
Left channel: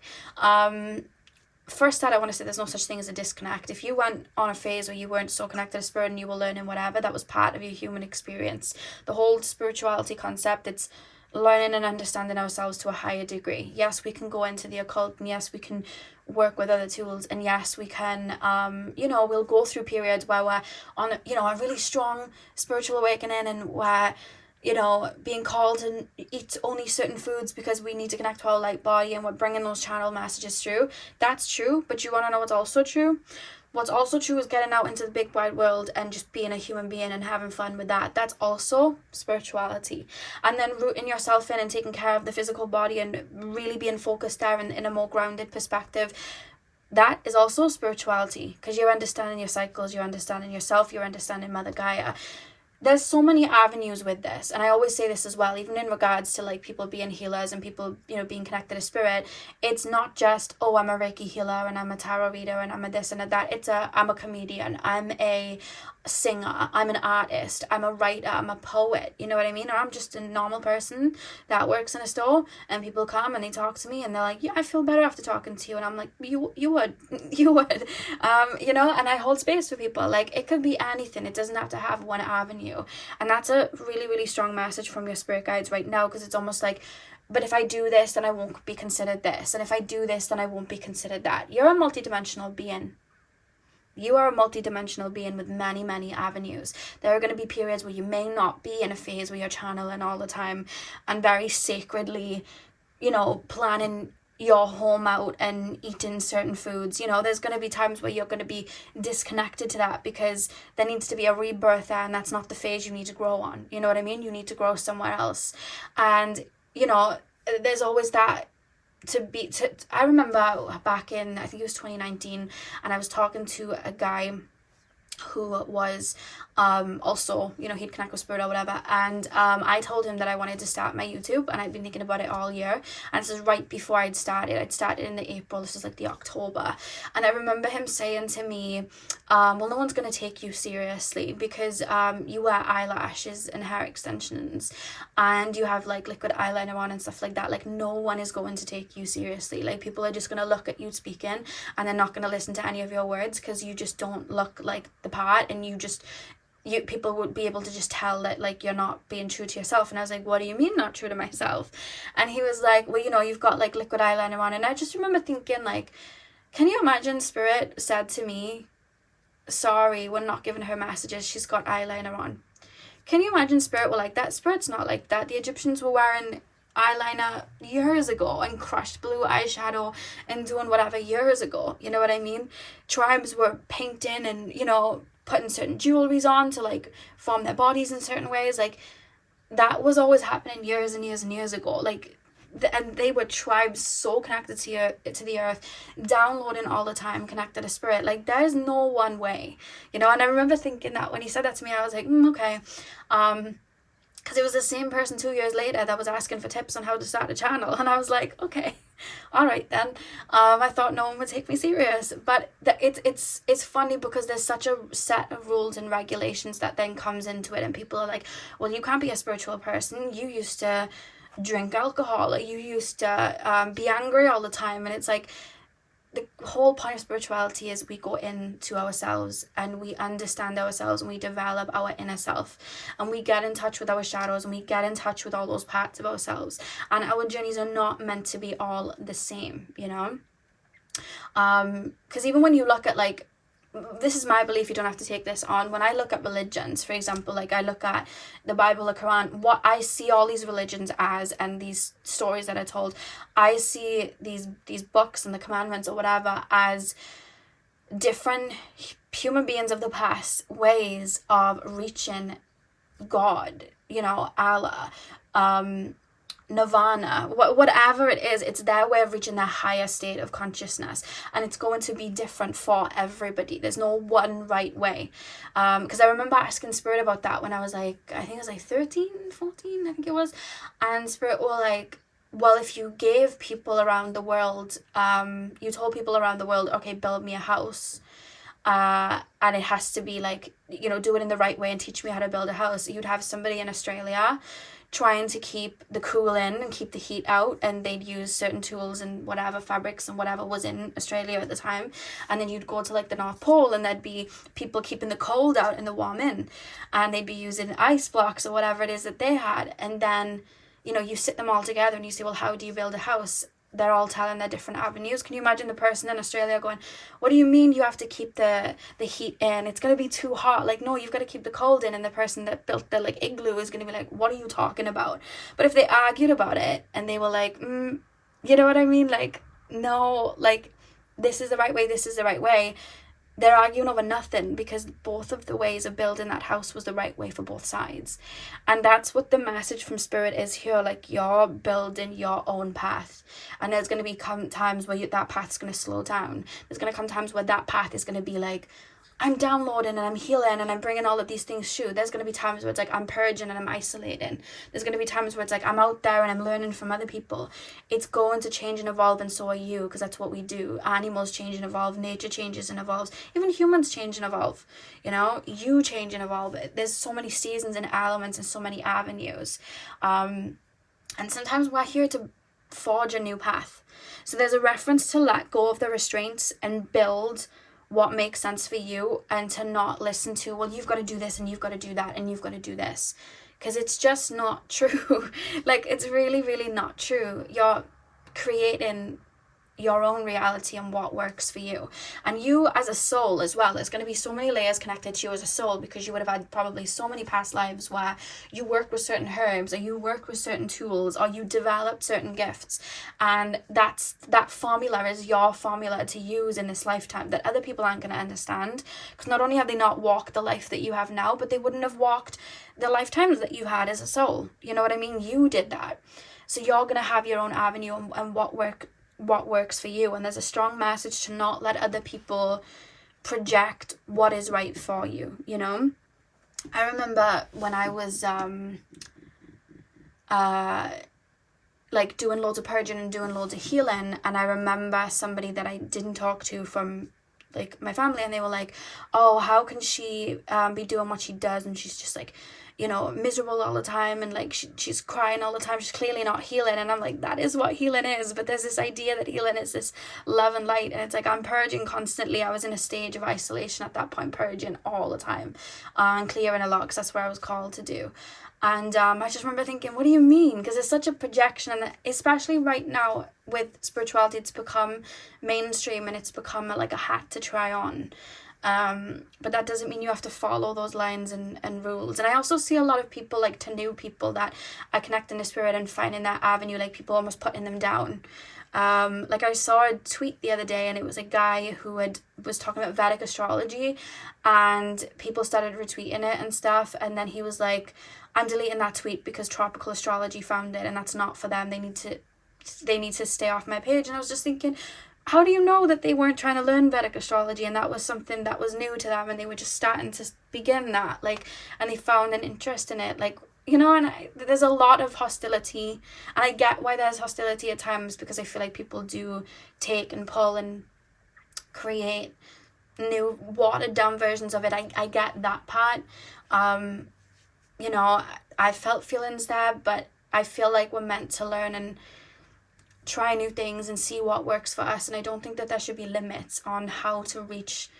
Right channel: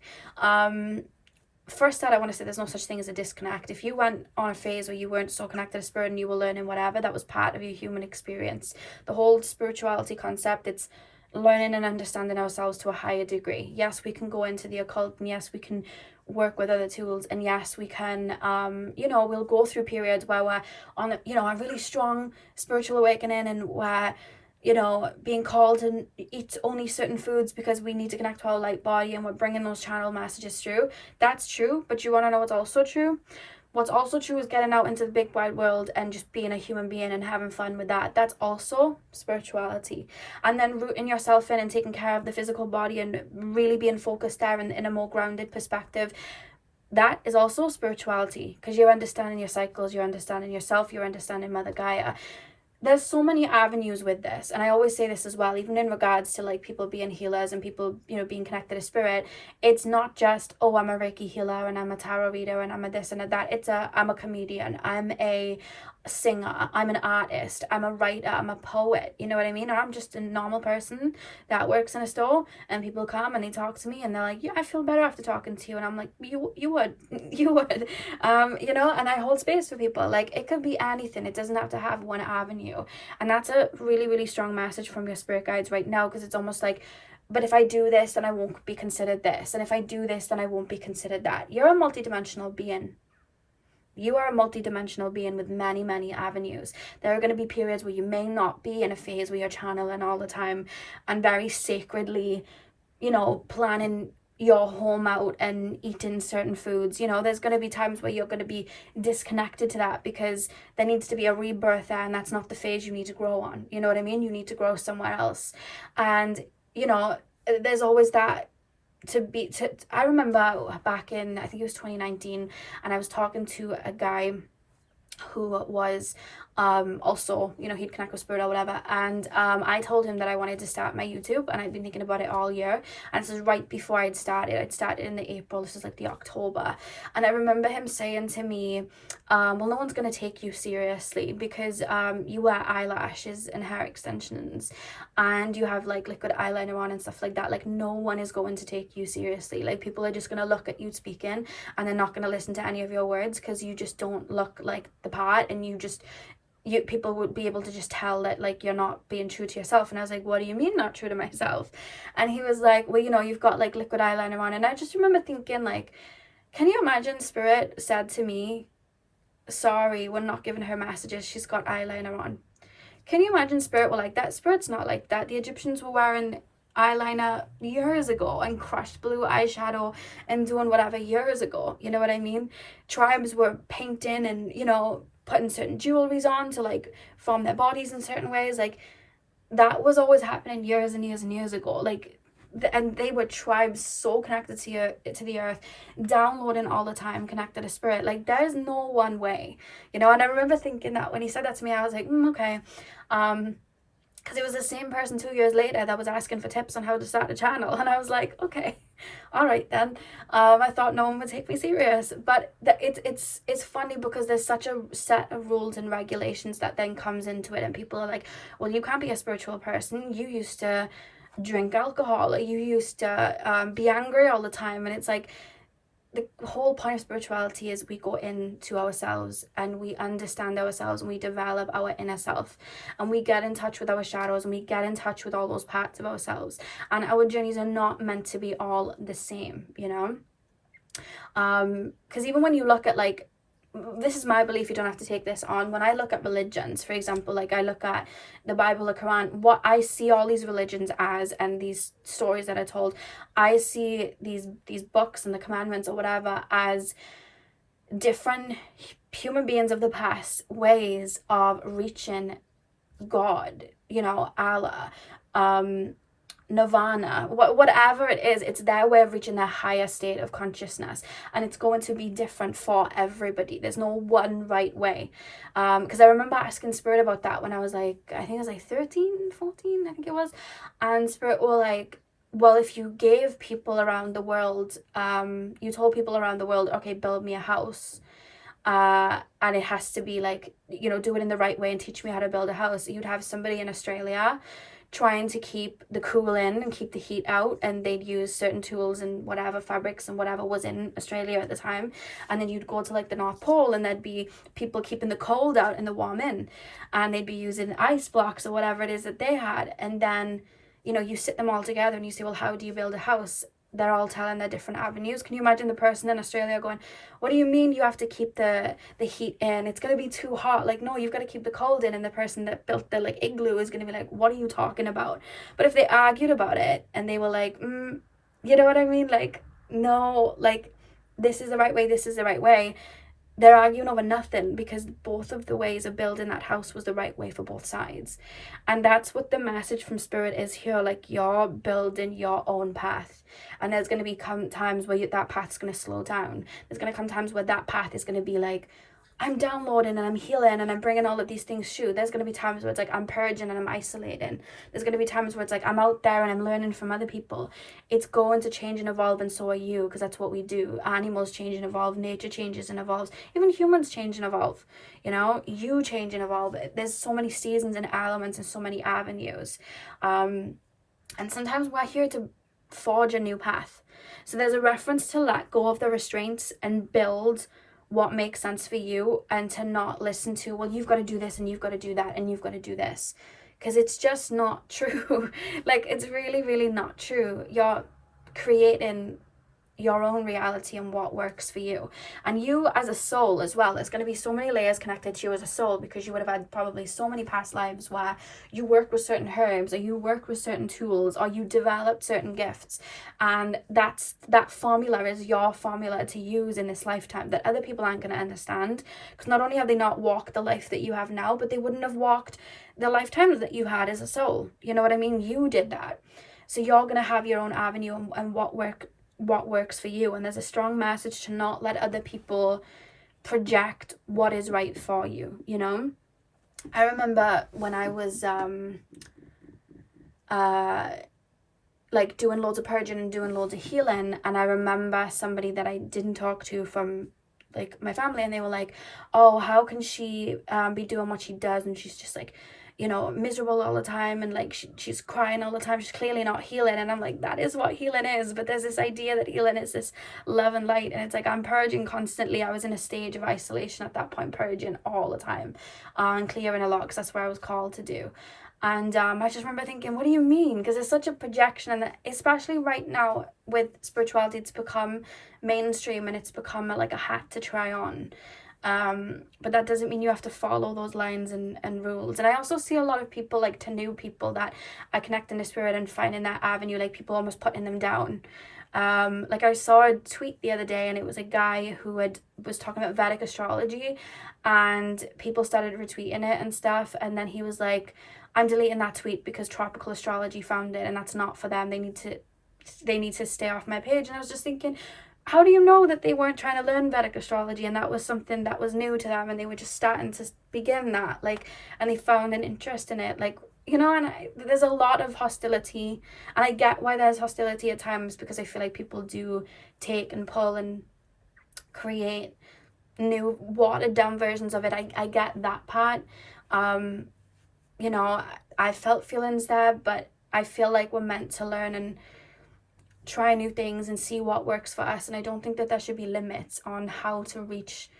First, that I want to say there's no such thing as a disconnect. If you went on a phase where you weren't so connected to spirit and you were learning whatever, that was part of your human experience. The whole spirituality concept, it's learning and understanding ourselves to a higher degree. Yes, we can go into the occult, and yes, we can work with other tools, and yes, we can we'll go through periods where we're on a really strong spiritual awakening, and where being called to eat only certain foods because we need to connect to our light body, and we're bringing those channel messages through. That's true, but you want to know what's also true? What's also true is getting out into the big wide world and just being a human being and having fun with that. That's also spirituality. And then rooting yourself in and taking care of the physical body and really being focused there in a more grounded perspective. That is also spirituality, because you're understanding your cycles, you're understanding yourself, you're understanding Mother Gaia. There's so many avenues with this, and I always say this as well, even in regards to like people being healers and people being connected to spirit. It's not just, oh, I'm a Reiki healer and I'm a tarot reader and I'm a this and a that. I'm a comedian, I'm a singer, I'm an artist, I'm a writer, I'm a poet, you know what I mean? Or I'm just a normal person that works in a store, and people come and they talk to me and they're like, yeah, I feel better after talking to you, and I'm like, you would and I hold space for people. Like, it could be anything, it doesn't have to have one avenue. And that's a really, really strong message from your spirit guides right now, because it's almost like, but if I do this, then I won't be considered this, and if I do this, then I won't be considered that. You're a multidimensional being. You are a multidimensional being with many, many avenues. There are going to be periods where you may not be in a phase where you're channeling all the time and very sacredly, planning your home out and eating certain foods. There's going to be times where you're going to be disconnected to that because there needs to be a rebirth there, and that's not the phase you need to grow on. You know what I mean? You need to grow somewhere else. And, there's always that. I remember back in, I think it was 2019, and I was talking to a guy who was also, he'd connect with spirit or whatever, and I told him that I wanted to start my YouTube, and I'd been thinking about it all year, and this is right before I'd started in the April, this is like the October, and I remember him saying to me, well, no one's going to take you seriously because you wear eyelashes and hair extensions, and you have like liquid eyeliner on and stuff like that. Like, no one is going to take you seriously. Like, people are just going to look at you speaking, and they're not going to listen to any of your words because you just don't look like the part, and people would be able to just tell that like you're not being true to yourself. And I was like, what do you mean not true to myself? And he was like, well, you've got like liquid eyeliner on. And I just remember thinking, like, can you imagine spirit said to me, sorry, we're not giving her messages, she's got eyeliner on? Can you imagine spirit were like that? Spirit's not like that. The Egyptians were wearing eyeliner years ago and crushed blue eyeshadow and doing whatever years ago, you know what I mean? Tribes were painting and putting certain jewelries on to like form their bodies in certain ways. Like, that was always happening years and years and years ago. Like, and they were tribes so connected to the earth, downloading all the time, connected to spirit. Like, there's no one way, and I remember thinking that when he said that to me, I was like, okay, because it was the same person 2 years later that was asking for tips on how to start a channel, and I was like, okay, all right then. I thought no one would take me serious, but it's funny because there's such a set of rules and regulations that then comes into it, and people are like, well, you can't be a spiritual person, you used to drink alcohol, or you used to be angry all the time. And it's like, the whole point of spirituality is we go into ourselves and we understand ourselves and we develop our inner self, and we get in touch with our shadows, and we get in touch with all those parts of ourselves, and our journeys are not meant to be all the same, because even when you look at, like, this is my belief, you don't have to take this on, when I look at religions, for example, like I look at the Bible, the Quran, what I see all these religions as, and these stories that are told, I see these books and the commandments or whatever as different human beings of the past ways of reaching God, you know, Allah, nirvana, whatever it is. It's their way of reaching their higher state of consciousness, and it's going to be different for everybody. There's no one right way. Because I remember asking Spirit about that when I was like, I think I was like 13, 14, I think it was, and Spirit were like, well, if you gave people around the world, you told people around the world, okay, build me a house, and it has to be like, you know, do it in the right way and teach me how to build a house. You'd have somebody in Australia trying to keep the cool in and keep the heat out, and they'd use certain tools and whatever fabrics and whatever was in Australia at the time, and then you'd go to like the North Pole and there'd be people keeping the cold out and the warm in, and they'd be using ice blocks or whatever it is that they had. And then, you know, you sit them all together and you say, well, how do you build a house? They're all telling their different avenues. Can you imagine the person in Australia going, what do you mean you have to keep the heat in? It's going to be too hot. Like, no, you've got to keep the cold in. And the person that built the like igloo is going to be like, what are you talking about? But if they argued about it and they were like, you know what I mean? Like, no, like, this is the right way, this is the right way. They're arguing over nothing, because both of the ways of building that house was the right way for both sides. And that's what the message from Spirit is here. Like, you're building your own path, and there's going to be times where that path's going to slow down. There's going to come times where that path is going to be like, I'm downloading and I'm healing and I'm bringing all of these things through. There's going to be times where it's like I'm purging and I'm isolating. There's going to be times where it's like I'm out there and I'm learning from other people. It's going to change and evolve, and so are you, because that's what we do. Animals change and evolve, nature changes and evolves, even humans change and evolve. You know, you change and evolve. There's so many seasons and elements and so many avenues. And sometimes we're here to forge a new path. So there's a reference to let go of the restraints and build what makes sense for you, and to not listen to, well, you've got to do this and you've got to do that and you've got to do this, because it's just not true. Like, it's really, really not true. You're creating your own reality and what works for you. And you as a soul as well, there's going to be so many layers connected to you as a soul, because you would have had probably so many past lives where you work with certain herbs, or you work with certain tools, or you developed certain gifts, and that formula is your formula to use in this lifetime, that other people aren't going to understand, because not only have they not walked the life that you have now, but they wouldn't have walked the lifetimes that you had as a soul. You know what I mean? You did that. So you're going to have your own avenue and what works for you. And there's a strong message to not let other people project what is right for you, you know. I remember when I was like doing loads of purging and doing loads of healing, and I remember somebody that I didn't talk to from like my family, and they were like, oh, how can she be doing what she does, and she's just like, you know, miserable all the time, and like she's crying all the time, she's clearly not healing. And I'm like, that is what healing is. But there's this idea that healing is this love and light, and it's like I'm purging constantly. I was in a stage of isolation at that point, purging all the time, and clearing a lot, because that's what I was called to do. And I just remember thinking, what do you mean? Because it's such a projection, and especially right now with spirituality, it's become mainstream and it's become like a hat to try on. But that doesn't mean you have to follow those lines and rules. And I also see a lot of people, like to new people that are connecting to spirit and finding that avenue, like people almost putting them down. Like I saw a tweet the other day, and it was a guy who was talking about Vedic astrology, and people started retweeting it and stuff, and then he was like, I'm deleting that tweet because tropical astrology found it, and that's not for them. They need to stay off my page. And I was just thinking, how do you know that they weren't trying to learn Vedic astrology and that was something that was new to them, and they were just starting to begin that, like, and they found an interest in it, like, you know. And there's a lot of hostility, and I get why there's hostility at times, because I feel like people do take and pull and create new watered down versions of it. I get that part. You know, I felt feelings there, but I feel like we're meant to learn and try new things and see what works for us. And I don't think that there should be limits on how to reach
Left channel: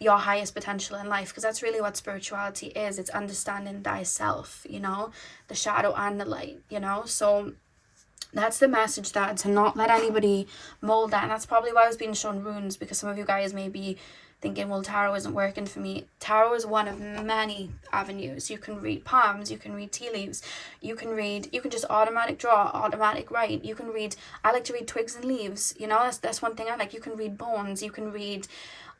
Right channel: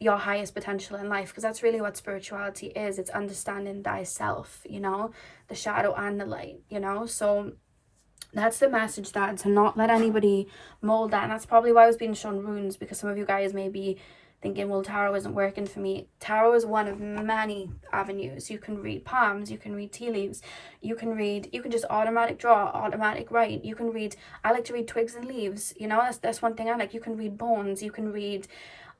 your highest potential in life, because that's really what spirituality is. It's understanding thyself, you know, the shadow and the light, you know. So that's the message there, to not let anybody mold that. And that's probably why I was being shown runes, because some of you guys may be thinking, well, tarot isn't working for me. Tarot is one of many avenues. You can read palms, you can read tea leaves, you can just automatic draw, automatic write, you can read, I like to read twigs and leaves, you know, that's one thing I like. You can read bones, you can read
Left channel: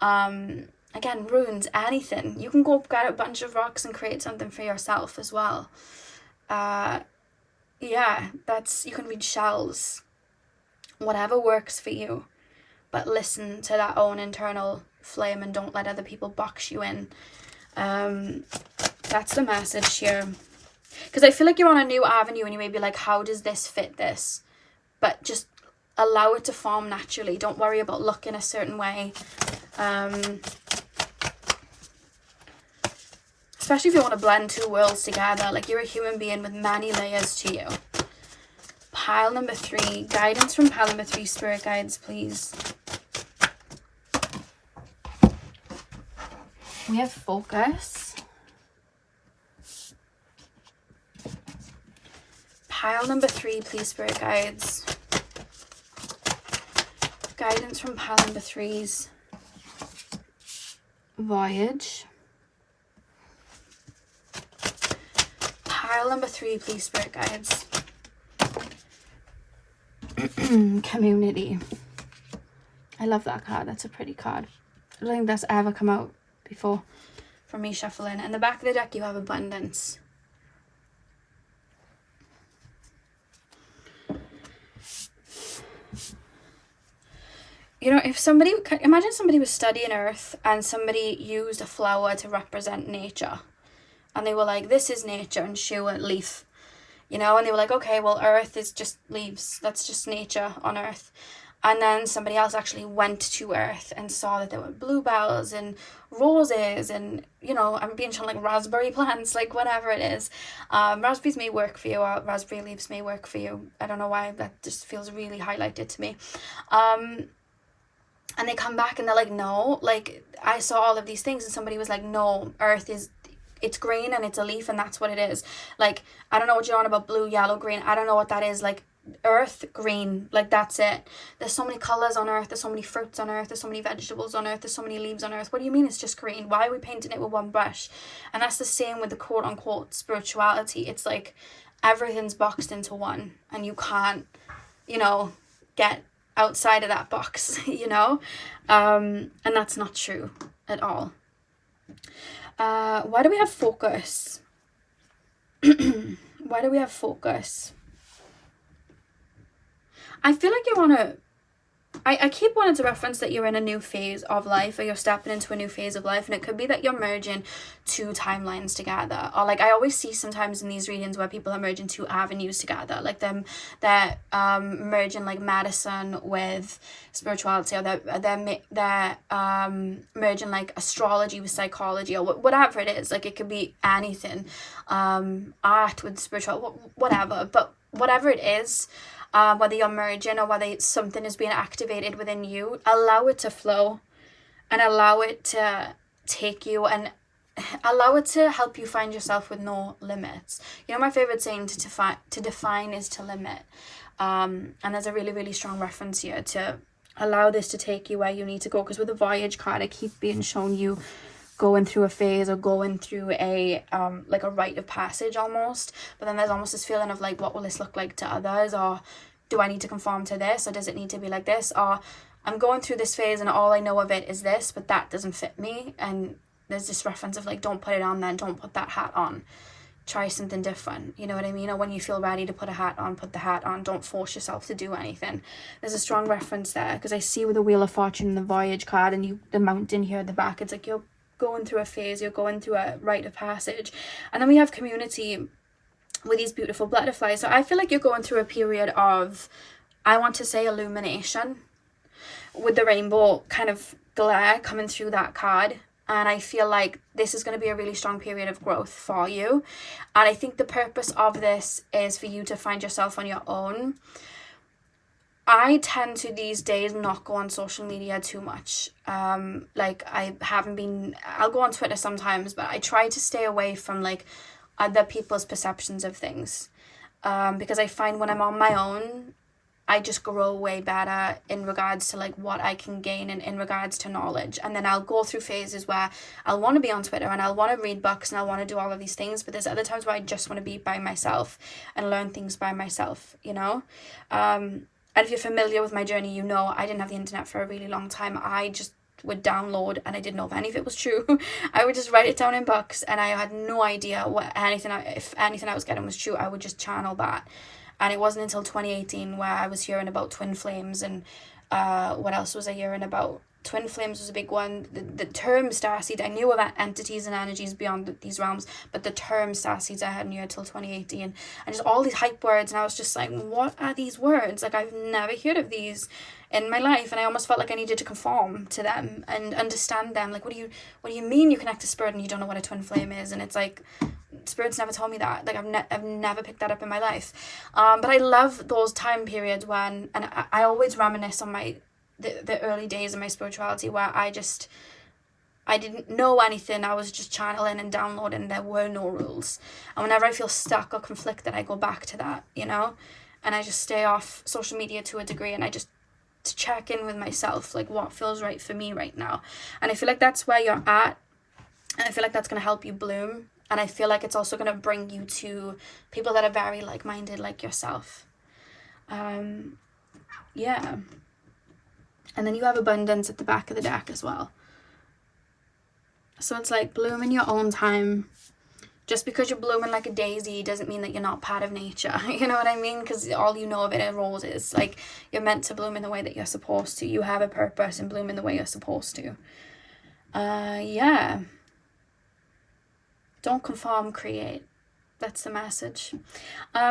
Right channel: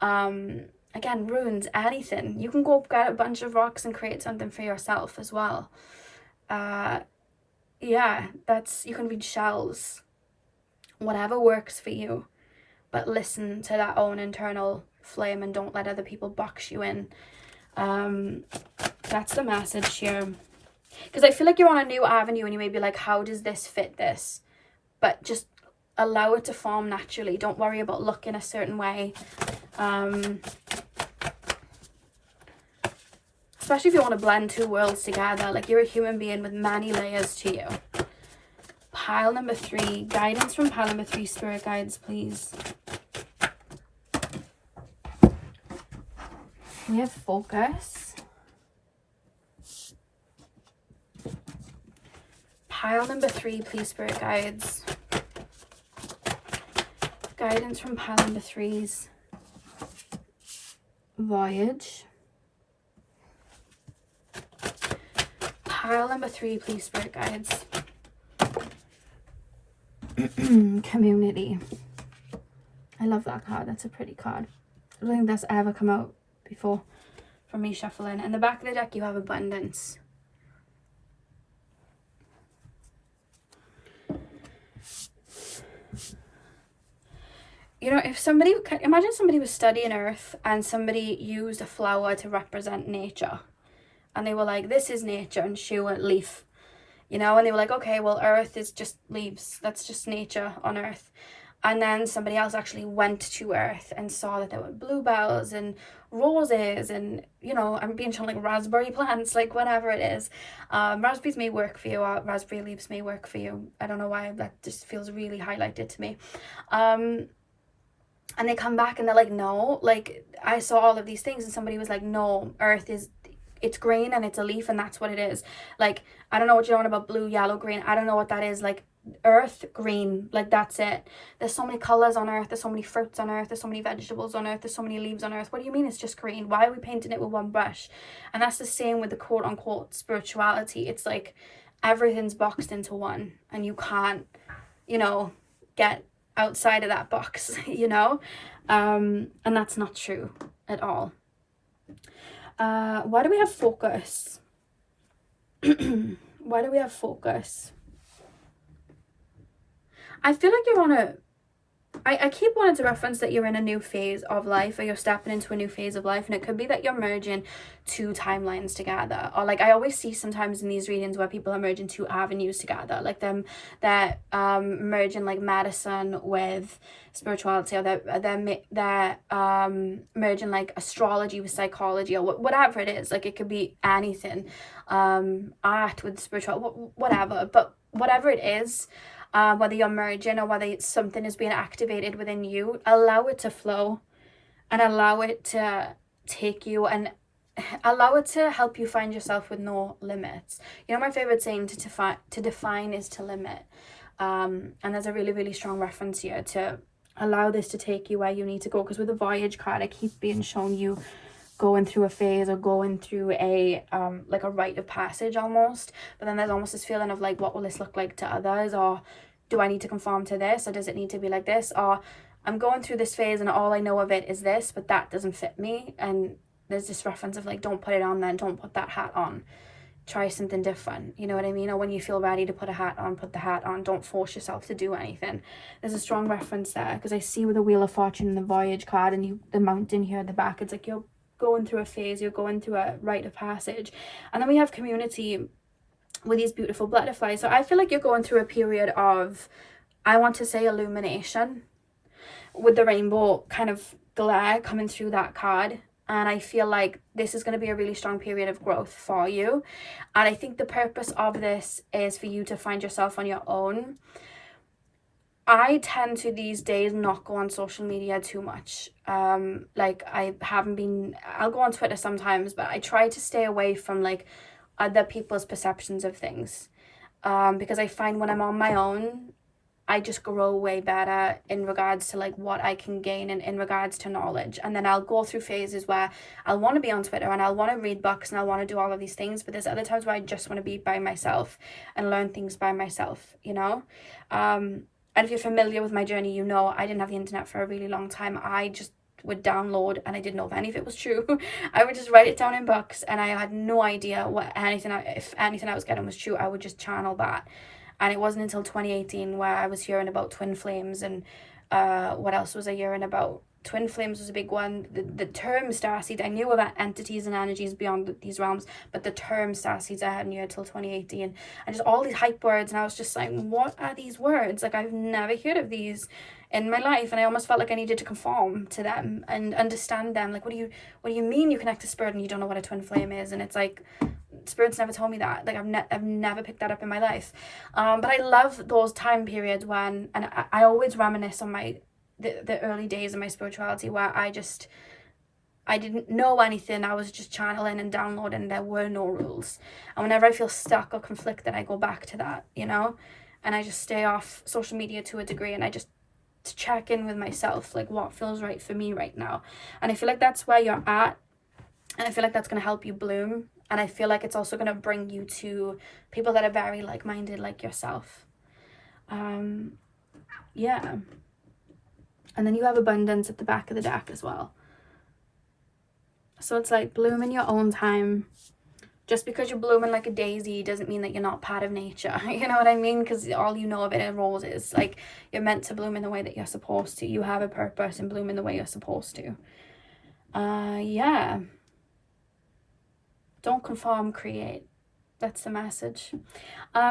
Again, runes, anything. You can go get a bunch of rocks and create something for yourself as well. Yeah, you can read shells, whatever works for you, but listen to that own internal flame and don't let other people box you in. That's the message here. Because I feel like you're on a new avenue and you may be like, how does this fit this? But just allow it to form naturally. Don't worry about looking a certain way. Especially if you want to blend two worlds together. Like, you're a human being with many layers to you. Pile number 3. Guidance from pile number 3. Spirit guides, please. We have focus. Pile number 3, please, spirit guides. Guidance from pile number 3's voyage. Pile number 3, please, spirit guides. Community. I love that card. That's a pretty card. I don't think that's ever come out before from me shuffling. And the back of the deck, you have abundance. You know, if somebody, imagine somebody was studying Earth and somebody used a flower to represent nature. And they were like, this is nature, and shoe and leaf. You know, and they were like, okay, well, Earth is just leaves. That's just nature on Earth. And then somebody else actually went to Earth and saw that there were bluebells and roses and, you know, I'm being shown like raspberry plants, like whatever it is. Raspberries may work for you, or raspberry leaves may work for you. I don't know why, that just feels really highlighted to me. And they come back and they're like, no, like I saw all of these things, and somebody was like, no, Earth is, it's green and it's a leaf and that's what it is. Like, I don't know what you're on about blue, yellow, green. I don't know what that is. Like, Earth, green, like that's it. There's so many colors on Earth. There's so many fruits on Earth. There's so many vegetables on Earth. There's so many leaves on Earth. What do you mean it's just green? Why are we painting it with one brush? And that's the same with the quote unquote spirituality. It's like everything's boxed into one, and you can't, you know, get outside of that box, you know. And that's not true at all. Why do we have focus? Why do we have focus? I feel like you want to, I keep wanting to reference that you're in a new phase of life, or you're stepping into a new phase of life, and it could be that you're merging 2 timelines together, or like I always see sometimes in these readings where people are merging 2 avenues together, like they're merging like medicine with spirituality, or they're merging like astrology with psychology, or whatever it is. Like, it could be anything, art with spiritual, whatever. But whatever it is, whether you're merging or whether something is being activated within you, allow it to flow and allow it to take you, and allow it to help you find yourself with no limits. You know, my favorite saying, to define is to limit. And there's a really, really strong reference here to allow this to take you where you need to go. Because with the voyage card, I keep being shown you going through a phase, or going through a like a rite of passage almost. But then there's almost this feeling of like, what will this look like to others? Or do I need to conform to this? Or does it need to be like this? Or I'm going through this phase and all I know of it is this, but that doesn't fit me. And there's this reference of like, don't put it on then, don't put that hat on. Try something different, you know what I mean? Or when you feel ready to put a hat on, put the hat on. Don't force yourself to do anything. There's a strong reference there, because I see with the Wheel of Fortune and the Voyage card, and the mountain here at the back, it's like you're going through a phase, you're going through a rite of passage. And then we have community with these beautiful butterflies. So I feel like you're going through a period of, I want to say, illumination, with the rainbow kind of glare coming through that card. And I feel like this is going to be a really strong period of growth for you. And I think the purpose of this is for you to find yourself on your own. I tend to these days not go on social media too much. Like, I'll go on Twitter sometimes, but I try to stay away from like other people's perceptions of things. Because I find when I'm on my own, I just grow way better in regards to like what I can gain and in regards to knowledge. And then I'll go through phases where I'll want to be on Twitter and I'll want to read books and I'll want to do all of these things. But there's other times where I just want to be by myself and learn things by myself, you know? And if you're familiar with my journey, you know I didn't have the internet for a really long time. I just would download, and I didn't know if any of it was true. I would just write it down in books, and I had no idea if anything I was getting was true. I would just channel that. And it wasn't until 2018 where I was hearing about twin flames, and what else was I hearing about? Twin flames was a big one. The term starseed, I knew about entities and energies beyond these realms, but the term starseeds I hadn't heard till 2018. And just all these hype words, and I was just like, what are these words? Like, I've never heard of these in my life, and I almost felt like I needed to conform to them and understand them. Like, what do you mean you connect to spirit and you don't know what a twin flame is? And it's like, spirit's never told me that. Like, I've never picked that up in my life. But I love those time periods when, and I always reminisce on the early days of my spirituality, where I didn't know anything. I was just channeling and downloading. There were no rules. And whenever I feel stuck or conflicted, I go back to that, you know? And I just stay off social media to a degree, and I just to check in with myself, like, what feels right for me right now. And I feel like that's where you're at, and I feel like that's going to help you bloom. And I feel like it's also going to bring you to people that are very like-minded, like yourself. Yeah. And then you have abundance at the back of the deck as well. So it's like, bloom in your own time. Just because you're blooming like a daisy doesn't mean that you're not part of nature. You know what I mean? Because all you know of it are roses. Like, you're meant to bloom in the way that you're supposed to. You have a purpose, and bloom in the way you're supposed to. Yeah. Don't conform, create. That's the message.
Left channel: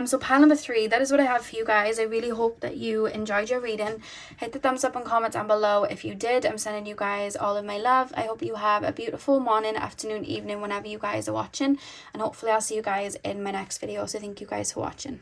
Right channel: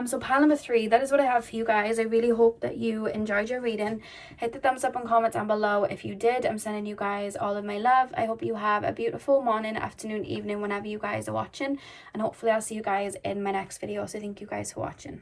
So pile number 3, that is what I have for you guys. I really hope that you enjoyed your reading. Hit the thumbs up and comment down below if you did. I'm sending you guys all of my love. I hope you have a beautiful morning, afternoon, evening, whenever you guys are watching, and hopefully I'll see you guys in my next video. So thank you guys for watching.